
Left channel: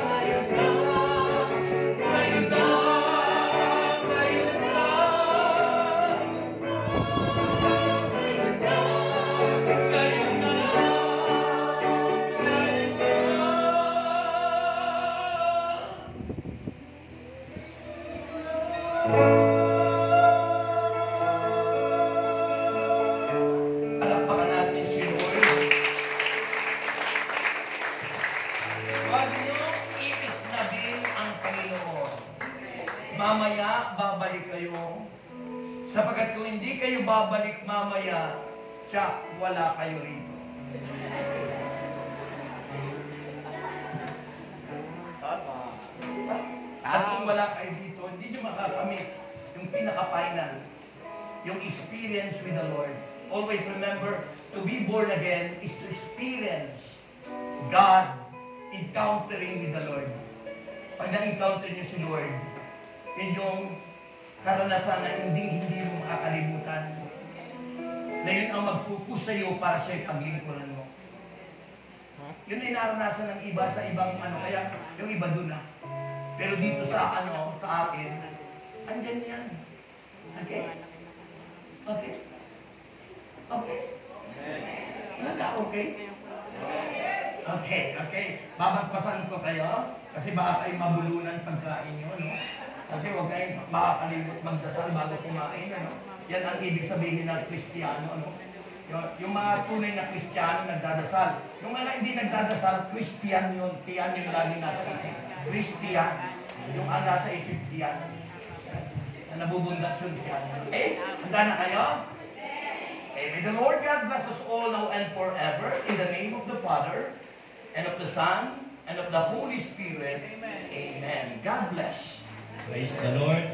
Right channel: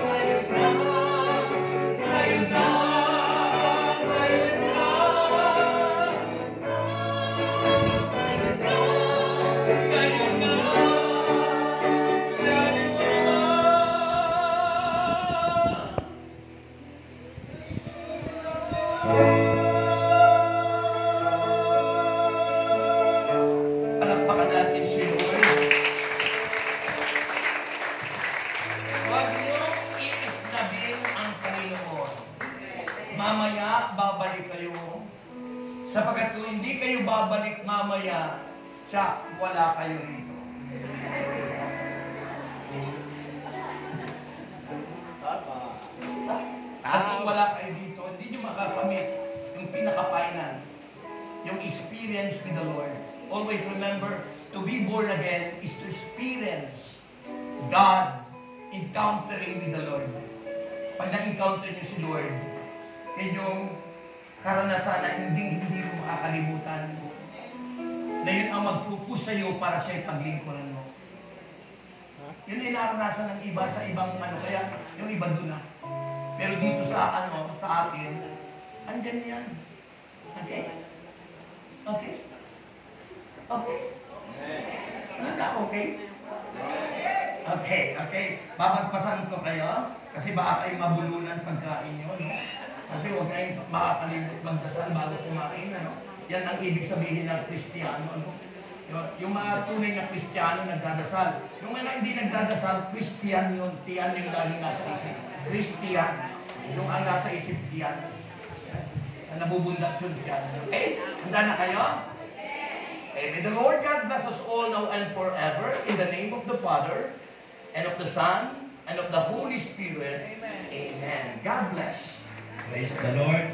ngayon na, ngayon na, ngayon na. Ngayon na, ngayon na. Palakpakan natin si Lord. Huwag niyo iisnabin ang Panginoon. Mamaya, babalik kayo. Sapagkat kung hindi kayo babalik mamaya, tsak, wala kayo rito. At kung wala kayo dito, hindi nyo makakamit yung pinaka-final, yung experience with the Lord. Always remember, to be born again is to experience God encountering with the Lord. Pag na-encounter nyo si Lord, yun yung karanasan na hindi mo makakalimutan. Na yun ang mag-focus sa iyo para siya'y paglingkuran mo. Yun ay naranasan ng iba sa ibang kaya yung iba doon na. Pero dito sa sa atin, andyan yan. Okay? Okay? Okay? Okay? Okay, okay. Babasbasan ko kayo kasi baka kayo mabulunan pagkain nyo, no? Kasi huwag kayong makakalimot magdasal bago kumain, ano? Yan ang ibig sabihin ng Kristiyano, no? Yung mga tunay na Kristiyano nagdadasal. Yung mga hindi nagdadasal, Christian yun. Tiyan yung lagi nasa isip. Christian. Yung ang nasa isip, tiyan. Na nabubundat yun, tiyan. Okay? Handa na kayo? And may the Lord God bless us all now and forever. In the name of the Father, and of the Son, and of the Holy Spirit. Amen. God bless. Praise the Lord.